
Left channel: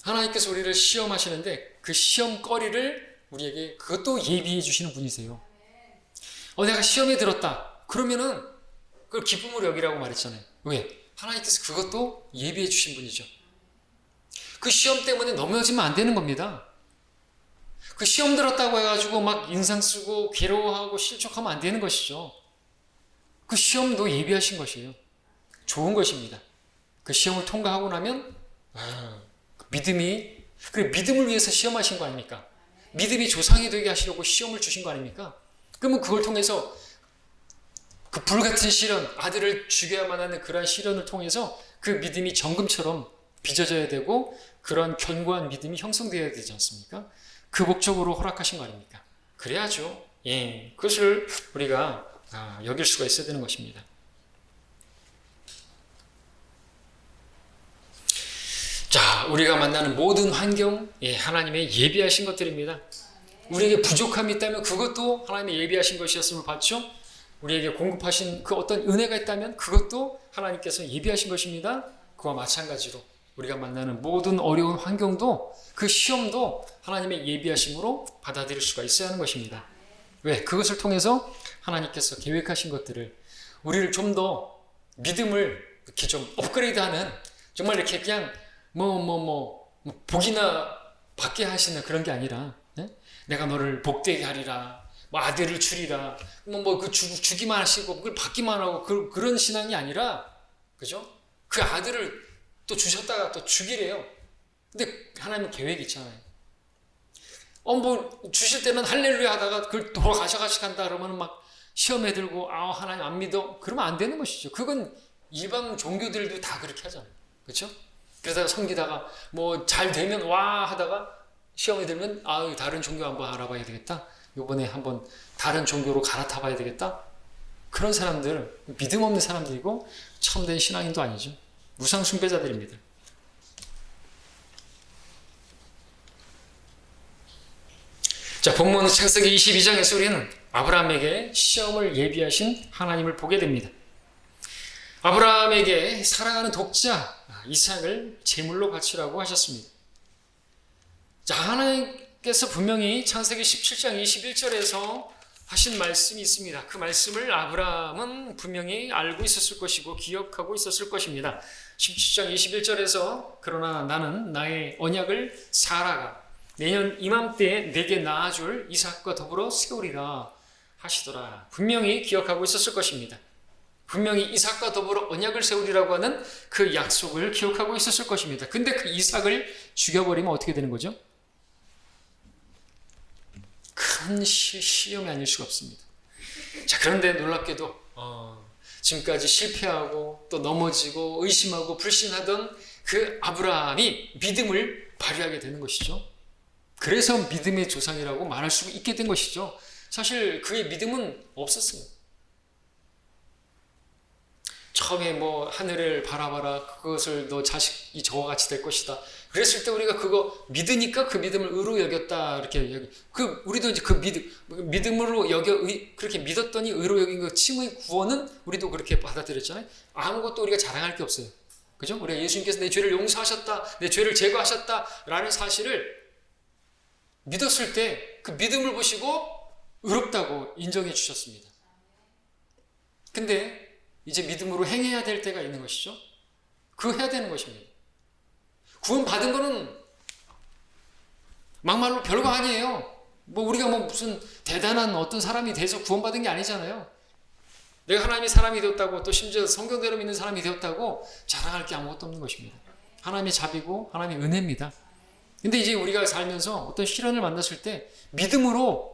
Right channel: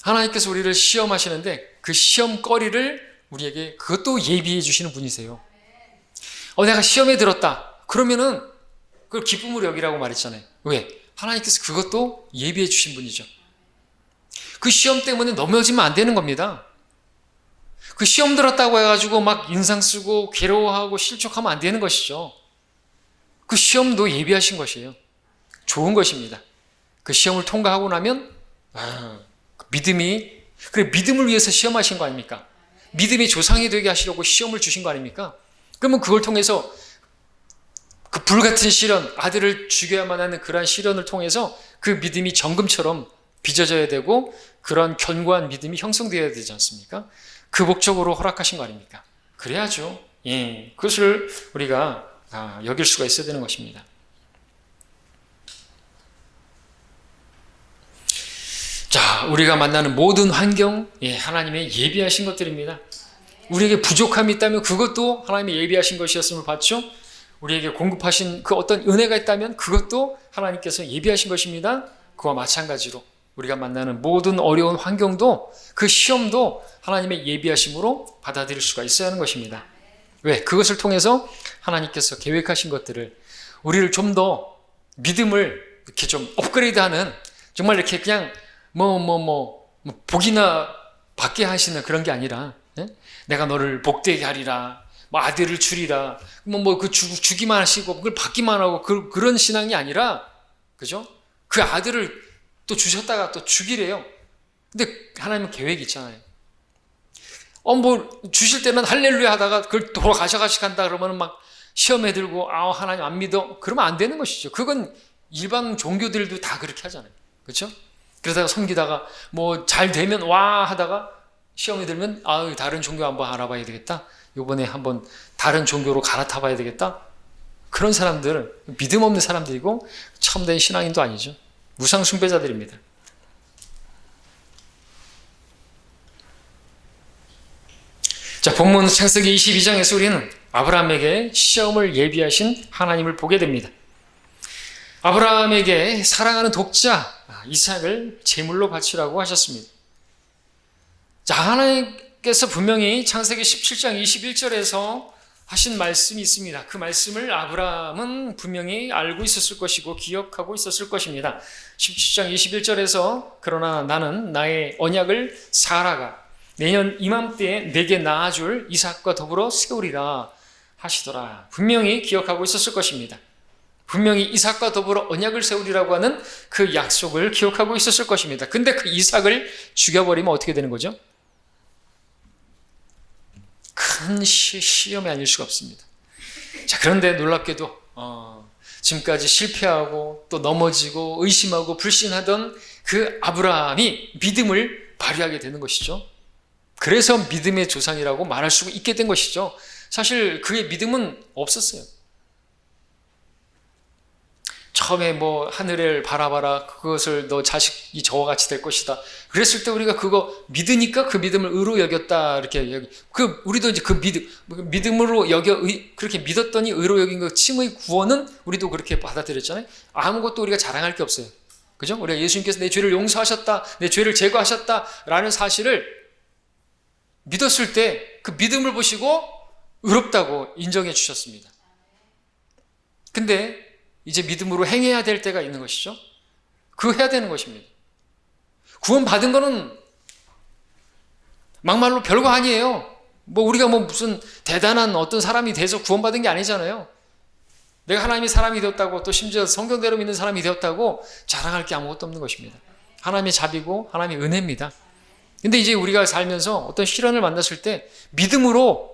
하나님께서 우리를 시험하시는데 그 시험거리를 우리에게 그것도 예비해 주시는 분이세요. 내가 시험에 들었다. 그러면은 그걸 기쁨으로 여기라고 말했잖아요. 왜? 하나님께서 그것도 예비해 주신 분이죠. 그 시험 때문에 넘어지면 안 되는 겁니다. 그 시험 들었다고 해가지고 막 인상 쓰고 괴로워하고 실족하면 안 되는 것이죠. 그 시험도 예비하신 것이에요. 좋은 것입니다. 그 시험을 통과하고 나면 그 믿음을 위해서 시험하신 거 아닙니까? 믿음이 조상이 되게 하시려고 시험을 주신 거 아닙니까? 그러면 그걸 통해서 그 불같은 시련, 아들을 죽여야만 하는 그러한 시련을 통해서 그 믿음이 정금처럼 빚어져야 되고 그런 견고한 믿음이 형성되어야 되지 않습니까? 그 목적으로 허락하신 거 아닙니까? 그래야죠. 예, 그것을 우리가 여길 수가 있어야 되는 것입니다. 자, 우리가 만나는 모든 환경, 하나님의 예비하신 것들입니다. 우리에게 부족함이 있다면 그것도 하나님의 예비하신 것이었음을 봤죠. 우리에게 공급하신 그 어떤 은혜가 있다면 그것도 하나님께서 예비하신 것입니다. 그와 마찬가지로 우리가 만나는 모든 어려운 환경도 그 시험도 하나님의 예비하심으로 받아들일 수가 있어야 하는 것입니다. 왜? 그것을 통해서 하나님께서 계획하신 것들을 우리를 좀 더 믿음을 이렇게 좀 업그레이드하는 정말 이렇게 그냥 복이나 받게 하시는 그런 게 아니라 내가 너를 복되게 하리라, 아들을 주리라, 주기만 하시고 그걸 받기만 하고 그런 신앙이 아니라, 그죠? 그 아들을 또 주셨다가 또 주기래요. 근데 하나님은 계획이 있잖아요. 주실 때는 할렐루야 하다가 그걸 돌아가셔간다 그러면 막 시험에 들고 하나님 안 믿어? 그러면 안 되는 것이죠. 그건 일반 종교들도 다 그렇게 하잖아요. 그렇죠? 그러다가 섬기다가 잘 되면 와 하다가 시험에 들면 다른 종교 한번 알아봐야 되겠다. 이번에 한번 다른 종교로 갈아타 봐야 되겠다. 그런 사람들 믿음 없는 사람들이고 참된 신앙인도 아니죠. 무상 숭배자들입니다. 자, 본문 창세기 22장에서 우리는 아브라함에게 시험을 예비하신 하나님을 보게 됩니다. 아브라함에게 사랑하는 독자 이삭을 제물로 바치라고 하셨습니다. 자, 하나님께서 분명히 창세기 17장 21절에서 하신 말씀이 있습니다. 그 말씀을 아브라함은 분명히 알고 있었을 것이고 기억하고 있었을 것입니다. 17장 21절에서 그러나 나는 나의 언약을 사라가 내년 이맘때에 내게 낳아줄 이삭과 더불어 세우리라 하시더라. 분명히 기억하고 있었을 것입니다. 분명히 이삭과 더불어 언약을 세우리라고 하는 그 약속을 기억하고 있었을 것입니다. 근데 그 이삭을 죽여버리면 어떻게 되는 거죠? 큰 시험이 아닐 수가 없습니다. 자, 그런데 놀랍게도 지금까지 실패하고 또 넘어지고 의심하고 불신하던 그 아브라함이 믿음을 발휘하게 되는 것이죠. 그래서 믿음의 조상이라고 말할 수 있게 된 것이죠. 사실 그의 믿음은 없었어요. 처음에 하늘을 바라봐라, 그것을 너 자식이 저와 같이 될 것이다. 그랬을 때 우리가 그거 믿으니까 그 믿음을 의로 여겼다. 이렇게 우리도 이제 그 믿음으로 그렇게 믿었더니 의로 여긴 그 칭의 구원은 우리도 그렇게 받아들였잖아요. 아무것도 우리가 자랑할 게 없어요. 그죠? 우리가 예수님께서 내 죄를 용서하셨다, 내 죄를 제거하셨다라는 사실을 믿었을 때 그 믿음을 보시고 의롭다고 인정해 주셨습니다. 근데 이제 믿음으로 행해야 될 때가 있는 것이죠. 그거 해야 되는 것입니다. 구원 받은 거는 막말로 별거 아니에요. 우리가 무슨 대단한 어떤 사람이 돼서 구원받은 게 아니잖아요. 내가 하나님의 사람이 되었다고 또 심지어 성경대로 믿는 사람이 되었다고 자랑할 게 아무것도 없는 것입니다. 하나님의 자비고 하나님의 은혜입니다. 근데 이제 우리가 살면서 어떤 시련을 만났을 때 믿음으로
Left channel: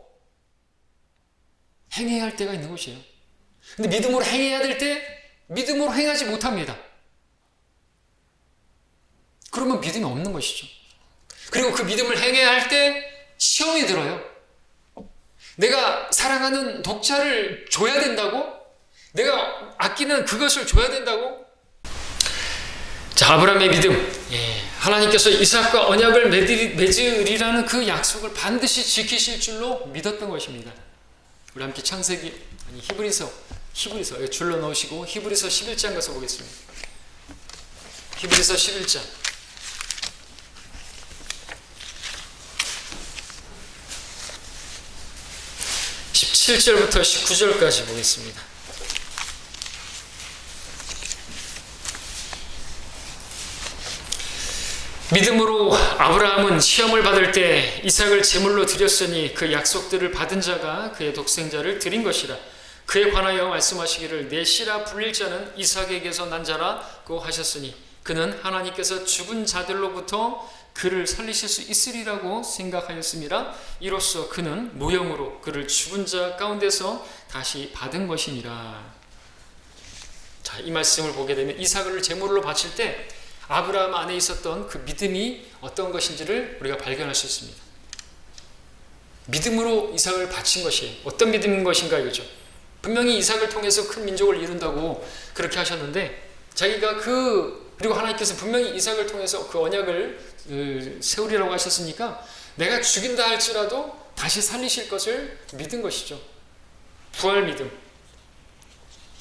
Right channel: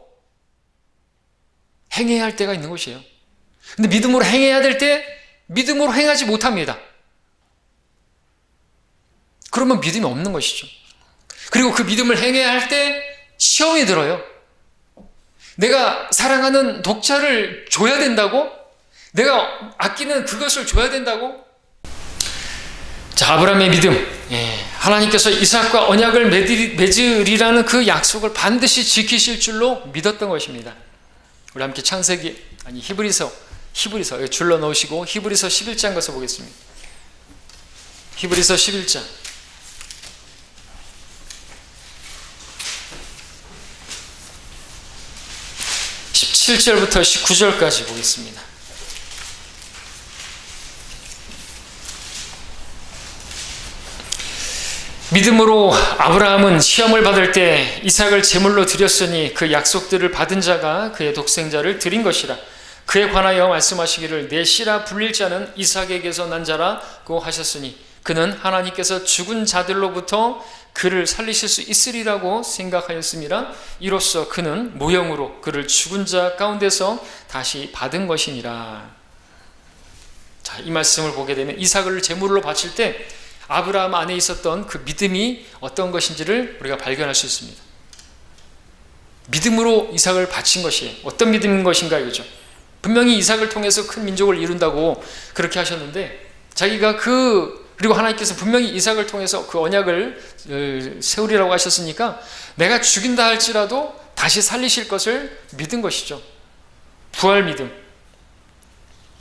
행해야 할 때가 있는 것이에요. 근데 믿음으로 행해야 될 때 믿음으로 행하지 못합니다. 그러면 믿음이 없는 것이죠. 그리고 그 믿음을 행해야 할 때 시험이 들어요. 내가 사랑하는 독자를 줘야 된다고? 내가 아끼는 그것을 줘야 된다고? 자, 아브라함의 믿음, 하나님께서 이삭과 언약을 맺으리라는 그 약속을 반드시 지키실 줄로 믿었던 것입니다. 우리 함께 히브리서 줄러 놓으시고 히브리서 11장 가서 보겠습니다. 히브리서 11장 17절부터 19절까지 보겠습니다. 믿음으로 아브라함은 시험을 받을 때 이삭을 제물로 드렸으니 그 약속들을 받은 자가 그의 독생자를 드린 것이라. 그에 관하여 말씀하시기를 내 씨라 불릴 자는 이삭에게서 난 자라고 하셨으니 그는 하나님께서 죽은 자들로부터 그를 살리실 수 있으리라고 생각하였습니다. 이로써 그는 모형으로 그를 죽은 자 가운데서 다시 받은 것이니라. 자, 이 말씀을 보게 되면 이삭을 제물로 바칠 때 아브라함 안에 있었던 그 믿음이 어떤 것인지를 우리가 발견할 수 있습니다. 믿음으로 이삭을 바친 것이에요. 어떤 믿음인 것인가 이거죠. 분명히 이삭을 통해서 큰 민족을 이룬다고 그렇게 하셨는데 자기가 그리고 하나님께서 분명히 이삭을 통해서 그 언약을 세우리라고 하셨으니까 내가 죽인다 할지라도 다시 살리실 것을 믿은 것이죠. 부활 믿음.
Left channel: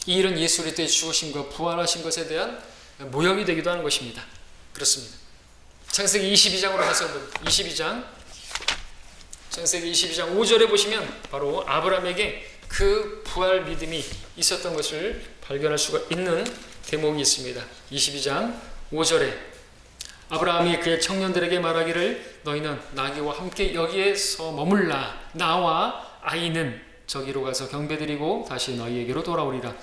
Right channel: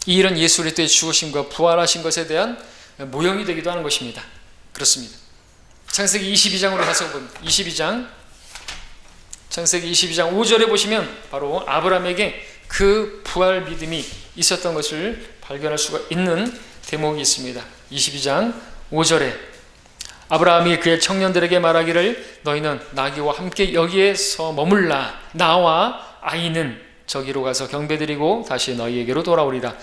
이 일은 예수 그리스도의 죽으심과 부활하신 것에 대한 모형이 되기도 하는 것입니다. 그렇습니다. 창세기 22장으로 가서 보면 22장 창세기 22장 5절에 보시면 바로 아브라함에게 그 부활 믿음이 있었던 것을 발견할 수가 있는 대목이 있습니다. 22장 5절에 아브라함이 그의 청년들에게 말하기를 너희는 나귀와 함께 여기에서 머물라. 나와 아이는 저기로 가서 경배드리고 다시 너희에게로 돌아오리라.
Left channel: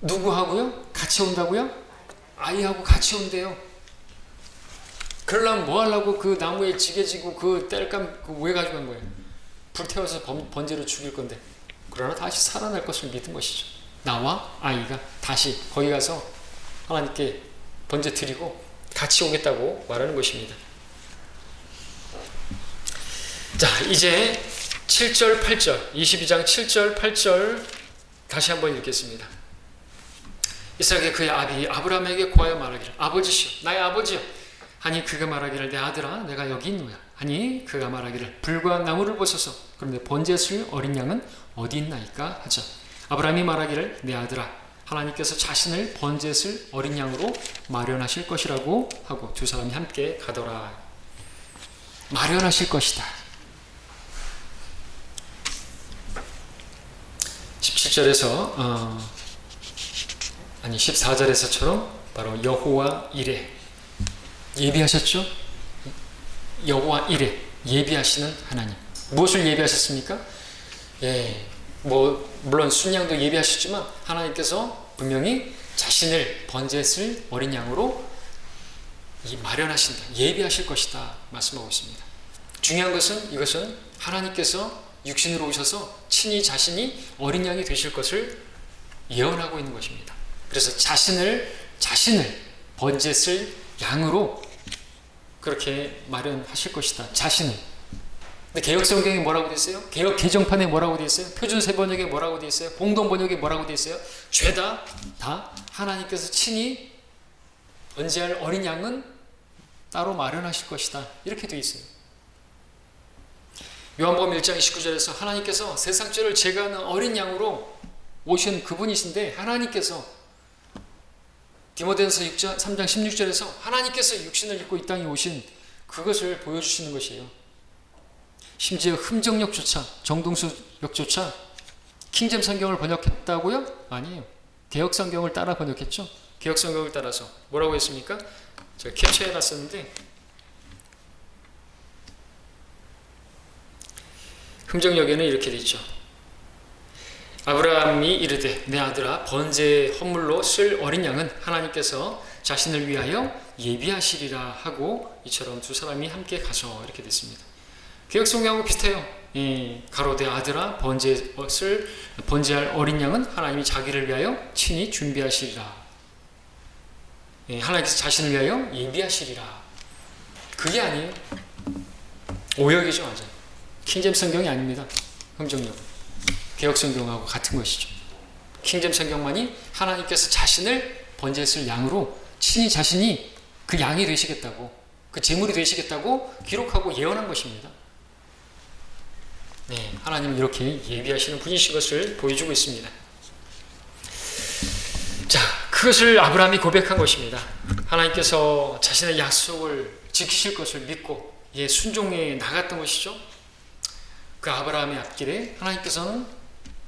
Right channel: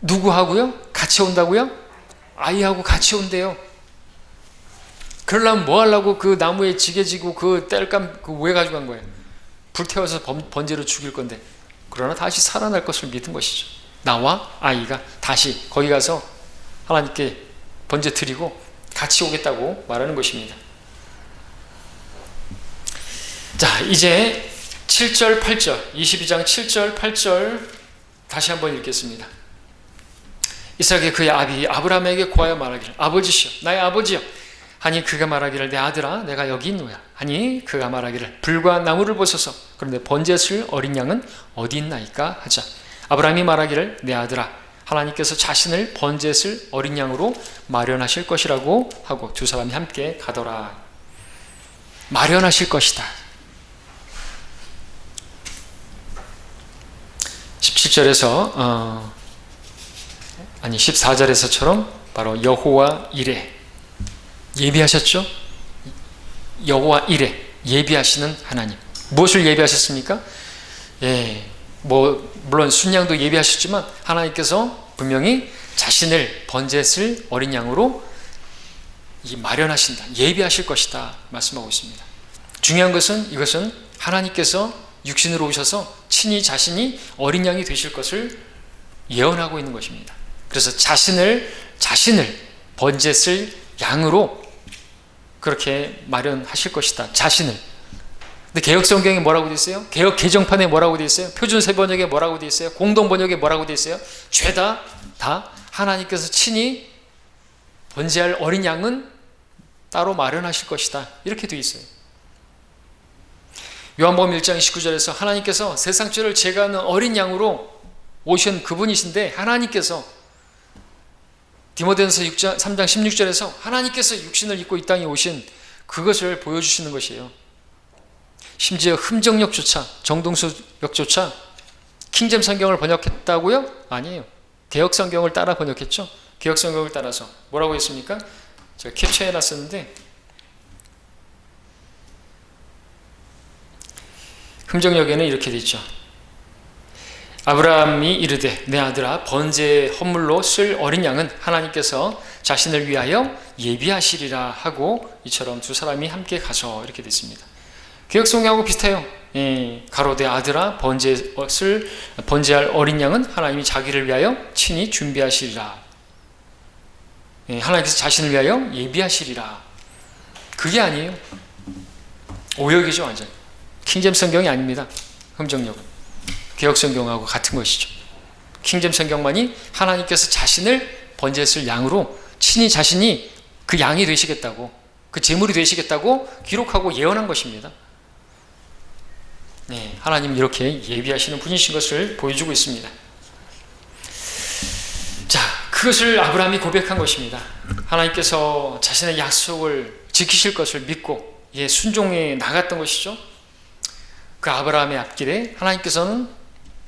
누구하고요? 같이 온다고요? 아이하고 같이 온대요. 그러려면 뭐 하려고 그 나무에 지게 지고 그 땔감 왜 가져간 거예요? 불태워서 번제로 죽일 건데. 그러나 다시 살아날 것을 믿은 것이죠. 나와 아이가 다시 거기 가서 하나님께 번제 드리고 같이 오겠다고 말하는 것입니다. 자, 이제 7절 8절 22장 7절 8절 다시 한번 읽겠습니다. 이삭이 그의 아비 아브라함에게 고하여 말하기를 아버지시여 나의 아버지여 하니 그가 말하기를 내 아들아 내가 여기 있노야 하니 그가 말하기를 불과 나무를 보소서 그런데 번제쓸 어린 양은 어디 있나이까 하자 아브라함이 말하기를 내 아들아 하나님께서 자신을 번제쓸 어린 양으로 마련하실 것이라고 하고 두 사람이 함께 가더라. 마련하실 것이다. 17절에서 14절에서처럼 바로 여호와 이레 예비하셨죠? 여호와 이레 예비하시는 하나님. 무엇을 예비하셨습니까? 물론 순양도 예비하셨지만 하나님께서 분명히 자신을 번제쓸 어린 양으로 마련하신다. 예비하실 것이다 말씀하고 있습니다. 중요한 것은 이것은 하나님께서 육신으로 오셔서 친히 자신이 어린 양이 되실 것을 예언하고 있는 것입니다. 그래서 자신을 번제쓸 양으로 그렇게 마련하실 것이다. 자신을. 근데 개혁성경에 뭐라고 되어 있어요? 개혁 개정판에 뭐라고 되어 있어요? 표준세번역에 뭐라고 되어 있어요? 공동번역에 뭐라고 되어 있어요? 죄다 다 하나님께서 친히 번제할 어린 양은 따로 마련하실 것이다. 이렇게 되어 있어요. 요한복음 1장 29절에서 하나님께서 세상 죄를 제거하는 어린 양으로 오신 그분이신데 하나님께서 디모데전서 3장 16절에서 하나님께서 육신을 입고 이 땅에 오신 그것을 보여주시는 것이에요. 심지어 흠정역조차 정동수역조차 킹잼 성경을 번역했다고요? 아니에요. 개혁 성경을 따라 번역했죠. 개혁 성경을 따라서 뭐라고 했습니까? 제가 캡처해놨었는데 흠정역에는 이렇게 돼 있죠. 아브라함이 이르되 내 아들아 번제 헌물로 쓸 어린 양은 하나님께서 자신을 위하여 예비하시리라 하고 이처럼 두 사람이 함께 가서 이렇게 돼 있습니다. 개혁성경하고 비슷해요. 가로되 아들아 번제할 어린 양은 하나님이 자기를 위하여 친히 준비하시리라. 하나님께서 자신을 위하여 예비하시리라. 그게 아니에요. 오역이죠 완전. 킹잼 성경이 아닙니다. 흠정역은 개혁성경하고 같은 것이죠. 킹잼 성경만이 하나님께서 자신을 번제쓸 양으로 친히 자신이 그 양이 되시겠다고 그 제물이 되시겠다고 기록하고 예언한 것입니다. 하나님 이렇게 예비하시는 분이신 것을 보여주고 있습니다. 자, 그것을 아브라함이 고백한 것입니다. 하나님께서 자신의 약속을 지키실 것을 믿고 순종해 나갔던 것이죠. 그 아브라함의 앞길에 하나님께서는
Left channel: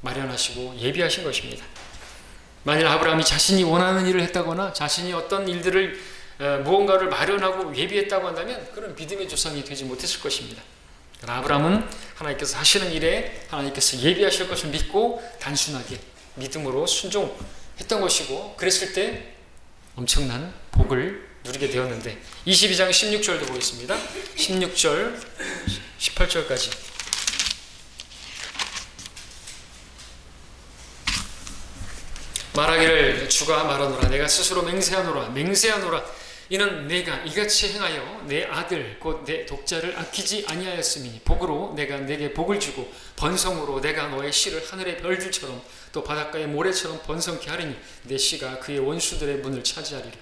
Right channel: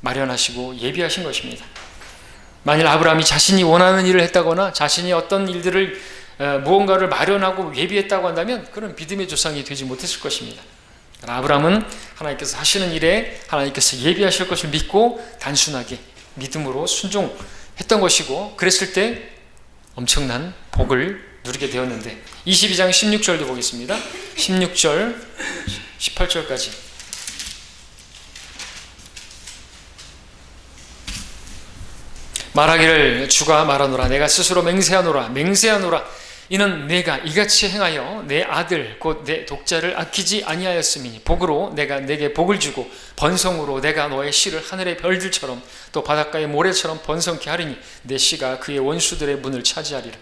마련하시고 예비하신 것입니다. 만일 아브라함이 자신이 원하는 일을 했다거나 자신이 어떤 일들을 무언가를 마련하고 예비했다고 한다면 그런 믿음의 조상이 되지 못했을 것입니다. 아브라함은 하나님께서 하시는 일에 하나님께서 예비하실 것을 믿고 단순하게 믿음으로 순종했던 것이고, 그랬을 때 엄청난 복을 누리게 되었는데, 22장 16절도 보겠습니다. 16절 18절까지. 말하기를 주가 말하노라. 내가 스스로 맹세하노라. 이는 내가 이같이 행하여 내 아들 곧 내 독자를 아끼지 아니하였음이니 복으로 내가 내게 복을 주고 번성으로 내가 너의 씨를 하늘의 별들처럼 또 바닷가의 모래처럼 번성케 하리니 내 씨가 그의 원수들의 문을 차지하리라.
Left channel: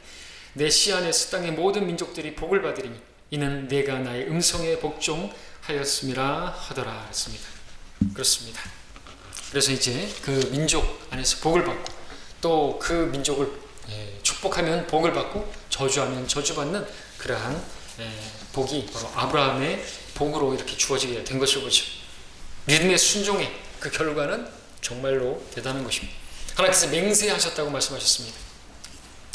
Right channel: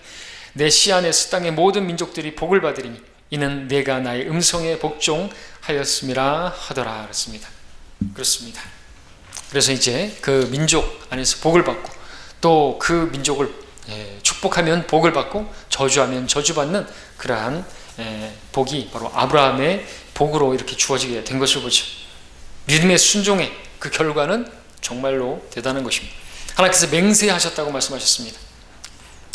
내 씨 안에서 땅의 모든 민족들이 복을 받으리니 이는 내가 나의 음성에 복종하였음이라 하더라. 그렇습니다. 그래서 이제 그 민족 안에서 복을 받고 또 그 민족을 축복하면 복을 받고 저주하면 저주받는 그러한 복이 바로 아브라함의 복으로 이렇게 주어지게 된 것을 보죠. 믿음의 순종의 그 결과는 정말로 대단한 것입니다. 하나님께서 맹세하셨다고 말씀하셨습니다.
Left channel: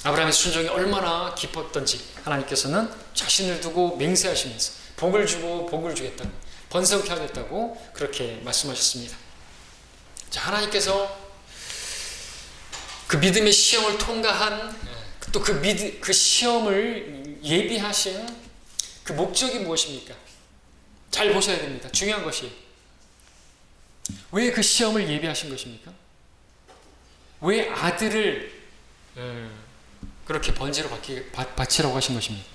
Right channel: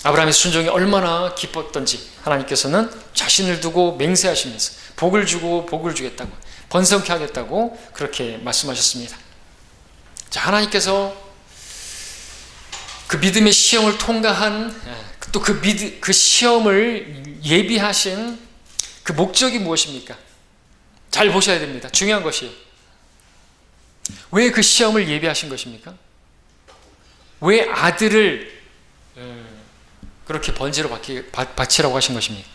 아브라함의 순종이 얼마나 기뻤던지 하나님께서는 자신을 두고 맹세하시면서 복을 주고 복을 주겠다고, 번성케 하겠다고 그렇게 말씀하셨습니다. 자, 하나님께서 그 믿음의 시험을 통과한, 또 그 시험을 예비하신 그 목적이 무엇입니까? 잘 보셔야 됩니다. 중요한 것이에요. 왜 그 시험을 예비하신 것입니까? 왜 아들을 그렇게 번제로 바치라고 하신 것입니까?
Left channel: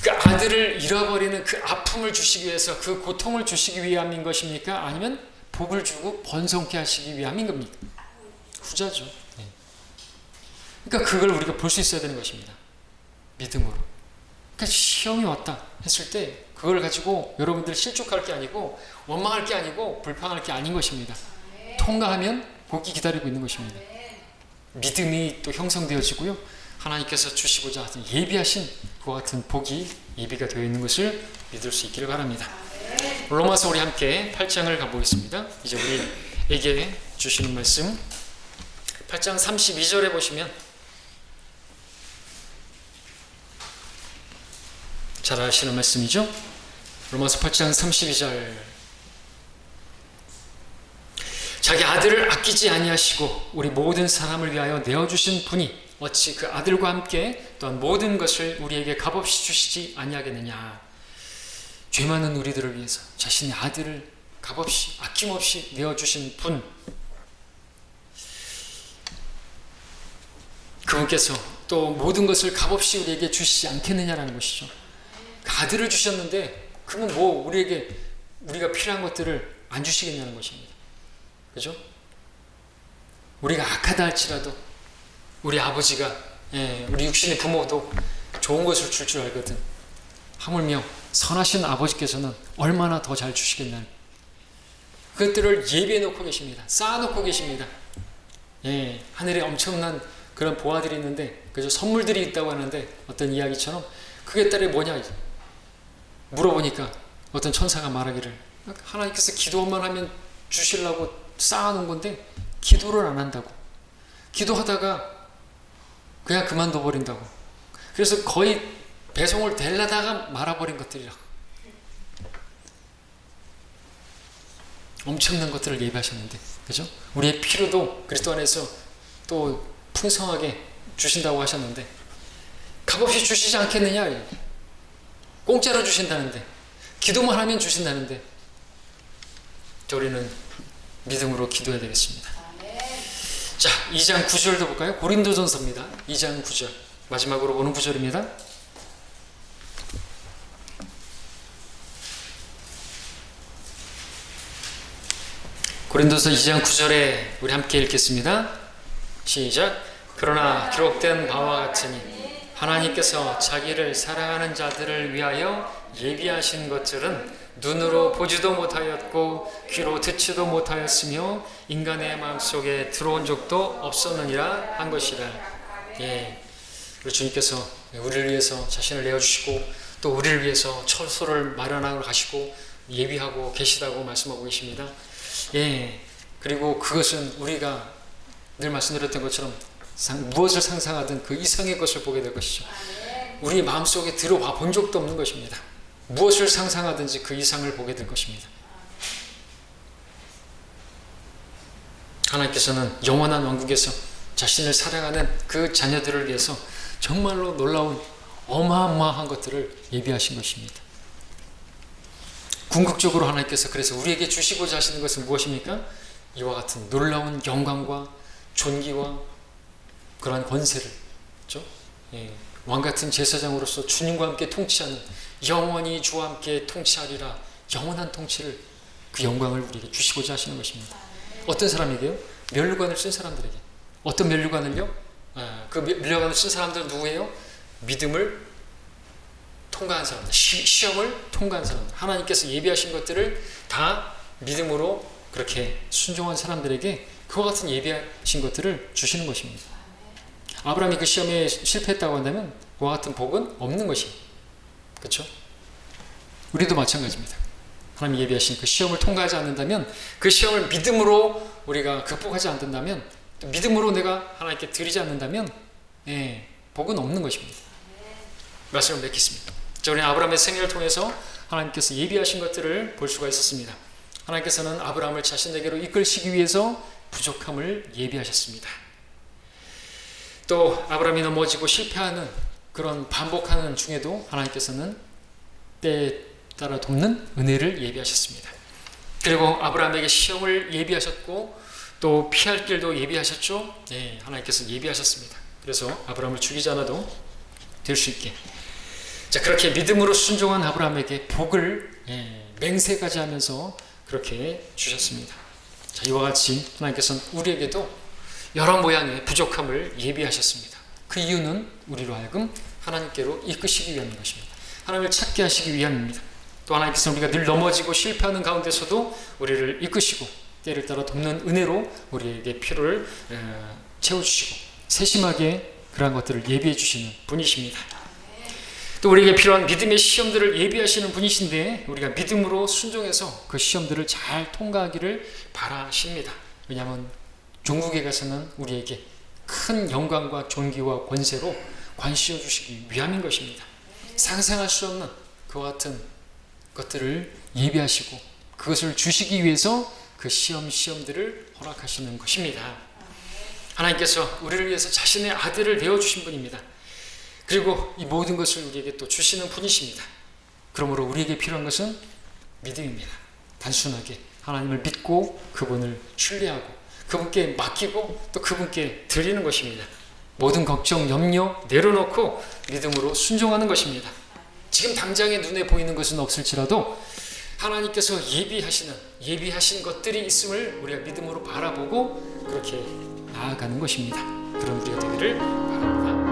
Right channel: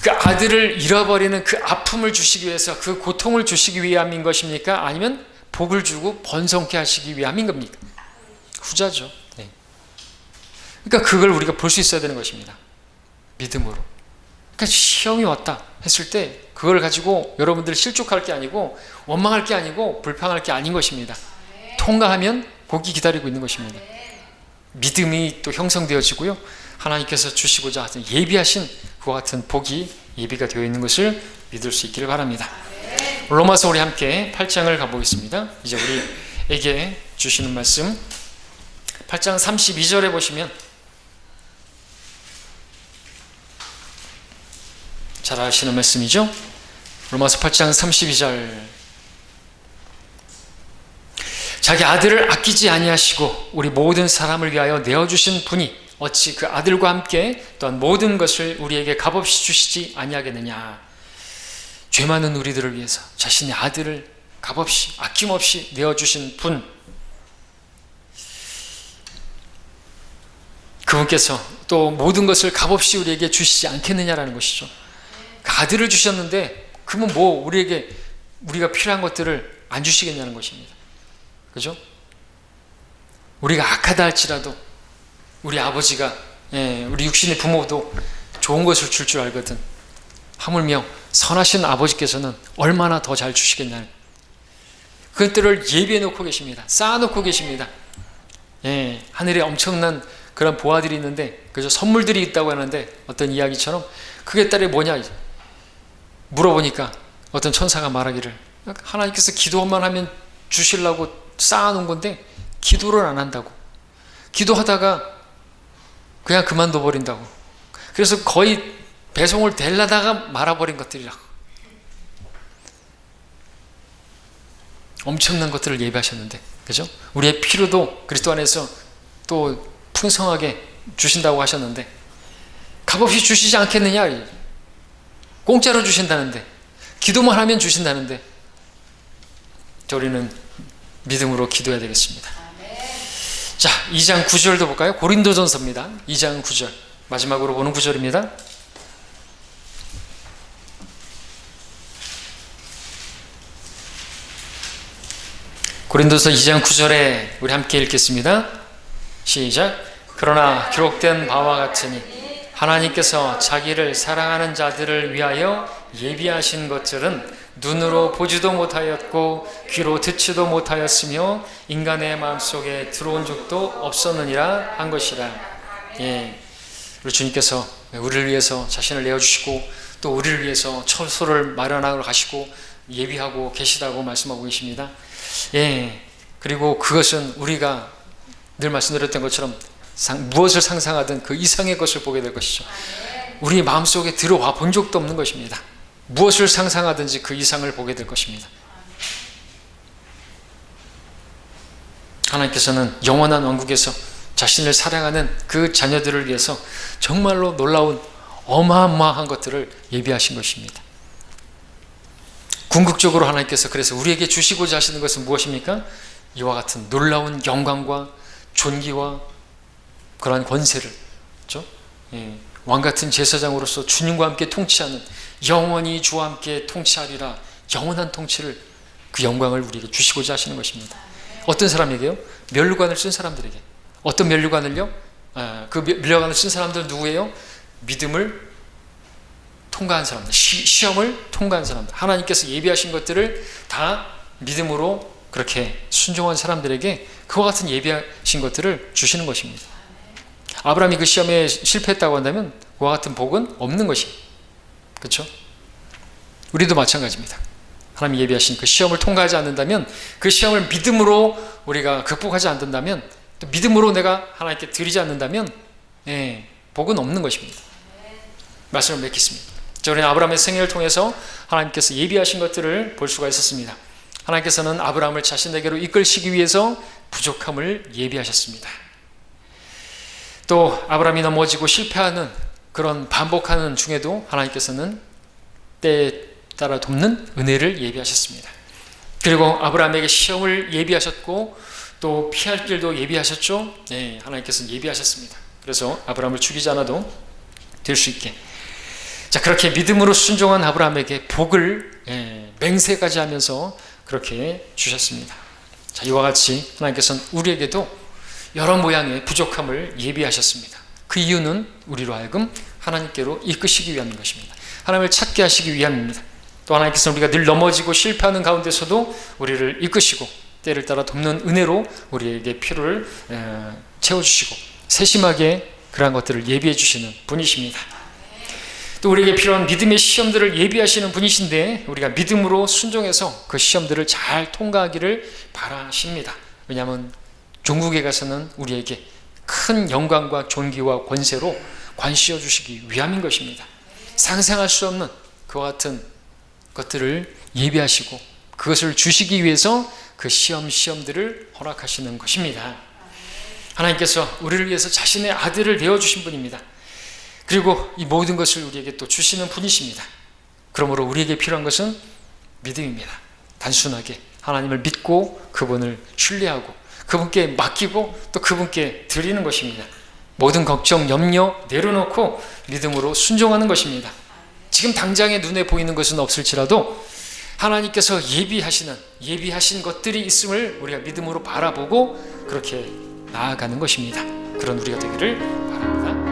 그 아들을 잃어버리는 그 아픔을 주시기 위해서, 그 고통을 주시기 위함인 것입니까? 아니면 복을 주고 번성케 하시기 위함인 겁니까? 후자죠. 그러니까 그걸 우리가 볼 수 있어야 되는 것입니다. 믿음으로. 그러니까 시험이 왔다 했을 때 그걸 가지고 여러분들 실족할 게 아니고 원망할 게 아니고 불평할 게 아닌 것입니다. 통과하면 복이 기다리고 있는 것입니다. 믿음이 또 형성되어지고요, 하나님께서 주시고자 하신 예비하신 그와 같은 복이 예비가 되어 있는 것을 믿을 수 있기를 바랍니다. 로마서 우리 함께 8장을 가보겠습니다. 이제 우리에게 주시는 말씀 8장 32절에 보시면 잘 아시는 말씀이죠. 로마서 8장 32절. 자기 아들을 아끼지 아니하시고 우리 모든 사람을 위하여 내어주신 분이 어찌 그 아들과 함께 또한 모든 것을 우리에게 값없이 주시지 아니하겠느냐. 죄 많은 우리들을 위해서 자신의 아들을 값없이 아낌없이 내어주신 분, 그분께서 또 모든 것을 값없이 우리에게 주시지 않겠느냐라는 것이죠. 아들을 주셨는데 그러면 뭐 우리가 필요한 것들을 안 주시겠냐는 것입니다. 그죠? 우리가 악하다 할지라도 우리 아버지가, 우리 육신의 부모도 좋은 것을 줄 줄 알거든. 하물며 선하신 아버지께서는 얼마나 더 잘 주시겠냐는, 그것들을 예비해 놓고 계십니다. 쌓아 놓고 계십니다. 하늘에 엄청난 그런 보화들이 있는데, 그죠? 선물들이 있다고 하는데, 어떤 이야기처럼 그게 딸이 뭐냐 물어보니까 어떤 천사가 말하기를, 하나님께서 기도만 하면 주시려고 쌓아놓은 건데 기도를 안 한다고, 기도하다가 그냥 그만둬 버린다고, 그래서 거의 배송을 되려다가 말아버린 것들이라고. 엄청난 것들을 예비하셨는데, 그죠? 우리의 필요도 그리스도 안에서 또 풍성하게 주신다고 하셨는데 값없이 주시지 않겠느냐. 공짜로 주신다는데, 기도만 하면 주신다는데, 우리는 믿음으로 기도해야 되겠습니다. 자, 2장 9절도 볼까요? 고린도전서입니다. 2장 9절 마지막으로 보는 구절입니다. 고린도서 2장 9절에 우리 함께 읽겠습니다. 시작. 그러나 기록된 바와 같으니 하나님께서 자기를 사랑하는 자들을 위하여 예비하신 것들은 눈으로 보지도 못하였고 귀로 듣지도 못하였으며 인간의 마음속에 들어온 적도 없었느니라 한 것이라. 우리 주님께서 우리를 위해서 자신을 내어주시고 또 우리를 위해서 처소를 마련하러 가시고 예비하고 계시다고 말씀하고 계십니다. 그리고 그것은 우리가 늘 말씀드렸던 것처럼 무엇을 상상하든 그 이상의 것을 보게 될 것이죠. 우리 마음속에 들어와 본 적도 없는 것입니다. 무엇을 상상하든지 그 이상을 보게 될 것입니다. 하나님께서는 영원한 왕국에서 자신을 사랑하는 그 자녀들을 위해서 정말로 놀라운 어마어마한 것들을 예비하신 것입니다. 궁극적으로 하나님께서 그래서 우리에게 주시고자 하시는 것은 무엇입니까? 이와 같은 놀라운 영광과 존귀와 그러한 권세를, 그렇죠? 왕같은 제사장으로서 주님과 함께 통치하는, 영원히 주와 함께 통치하리라, 영원한 통치를, 그 영광을 우리에게 주시고자 하시는 것입니다. 어떤 사람에게요? 면류관을 쓴 사람들에게. 어떤 면류관을요? 그 면류관을 쓴 사람들 누구예요? 믿음을 통과한 사람들, 시험을 통과한 사람들, 하나님께서 예비하신 것들을 다 믿음으로 그렇게 순종한 사람들에게 그와 같은 예비하신 것들을 주시는 것입니다. 아브라함이 그 시험에 실패했다고 한다면 그와 같은 복은 없는 것입니다. 그렇죠? 우리도 마찬가지입니다. 하나님이 예비하신 그 시험을 통과하지 않는다면, 그 시험을 믿음으로 우리가 극복하지 않는다면, 또 믿음으로 내가 하나님께 드리지 않는다면 복은 없는 것입니다. 말씀을 맺겠습니다. 우리는 아브라함의 생애를 통해서 하나님께서 예비하신 것들을 볼 수가 있었습니다. 하나님께서는 아브라함을 자신에게로 이끌시기 위해서 부족함을 예비하셨습니다. 또 아브라함이 넘어지고 실패하는 그런 반복하는 중에도 하나님께서는 때에 따라 돕는 은혜를 예비하셨습니다. 그리고 아브라함에게 시험을 예비하셨고 또 피할 길도 예비하셨죠. 하나님께서 예비하셨습니다. 그래서 아브라함을 죽이지 않아도 될 수 있게, 자, 그렇게 믿음으로 순종한 아브라함에게 복을 맹세까지 하면서 그렇게 주셨습니다. 자, 이와 같이 하나님께서는 우리에게도 여러 모양의 부족함을 예비하셨습니다. 그 이유는 우리로 하여금 하나님께로 이끄시기 위함인 것입니다. 하나님을 찾게 하시기 위함입니다. 또 하나님께서는 우리가 늘 넘어지고 실패하는 가운데서도 우리를 이끄시고 때를 따라 돕는 은혜로 우리에게 필요를 채워주시고 세심하게 그러한 것들을 예비해 주시는 분이십니다. 또 우리에게 필요한 믿음의 시험들을 예비하시는 분이신데, 우리가 믿음으로 순종해서 그 시험들을 잘 통과하기를 바라십니다. 왜냐하면 종국에 가서는 우리에게 큰 영광과 존귀와 권세로 관씌워 주시기 위함인 것입니다. 상상할 수 없는 그와 같은 것들을 예비하시고 그것을 주시기 위해서 그 시험들을 허락하시는 것입니다. 하나님께서 우리를 위해서 자신의 아들을 내어주신 분입니다. 그리고 이 모든 것을 우리에게 또 주시는 분이십니다. 그러므로 우리에게 필요한 것은 믿음입니다. 단순하게 하나님을 믿고 그분을 신뢰하고 그분께 맡기고 또 그분께 드리는 것입니다. 모든 걱정, 염려 내려놓고 믿음으로 순종하는 것입니다. 지금 당장에 눈에 보이는 것은 없을지라도 하나님께서 예비하신 것들이 있음을 우리가 믿음으로 바라보고 그렇게 나아가는 것입니다. 그런 우리가 되기를 바랍니다.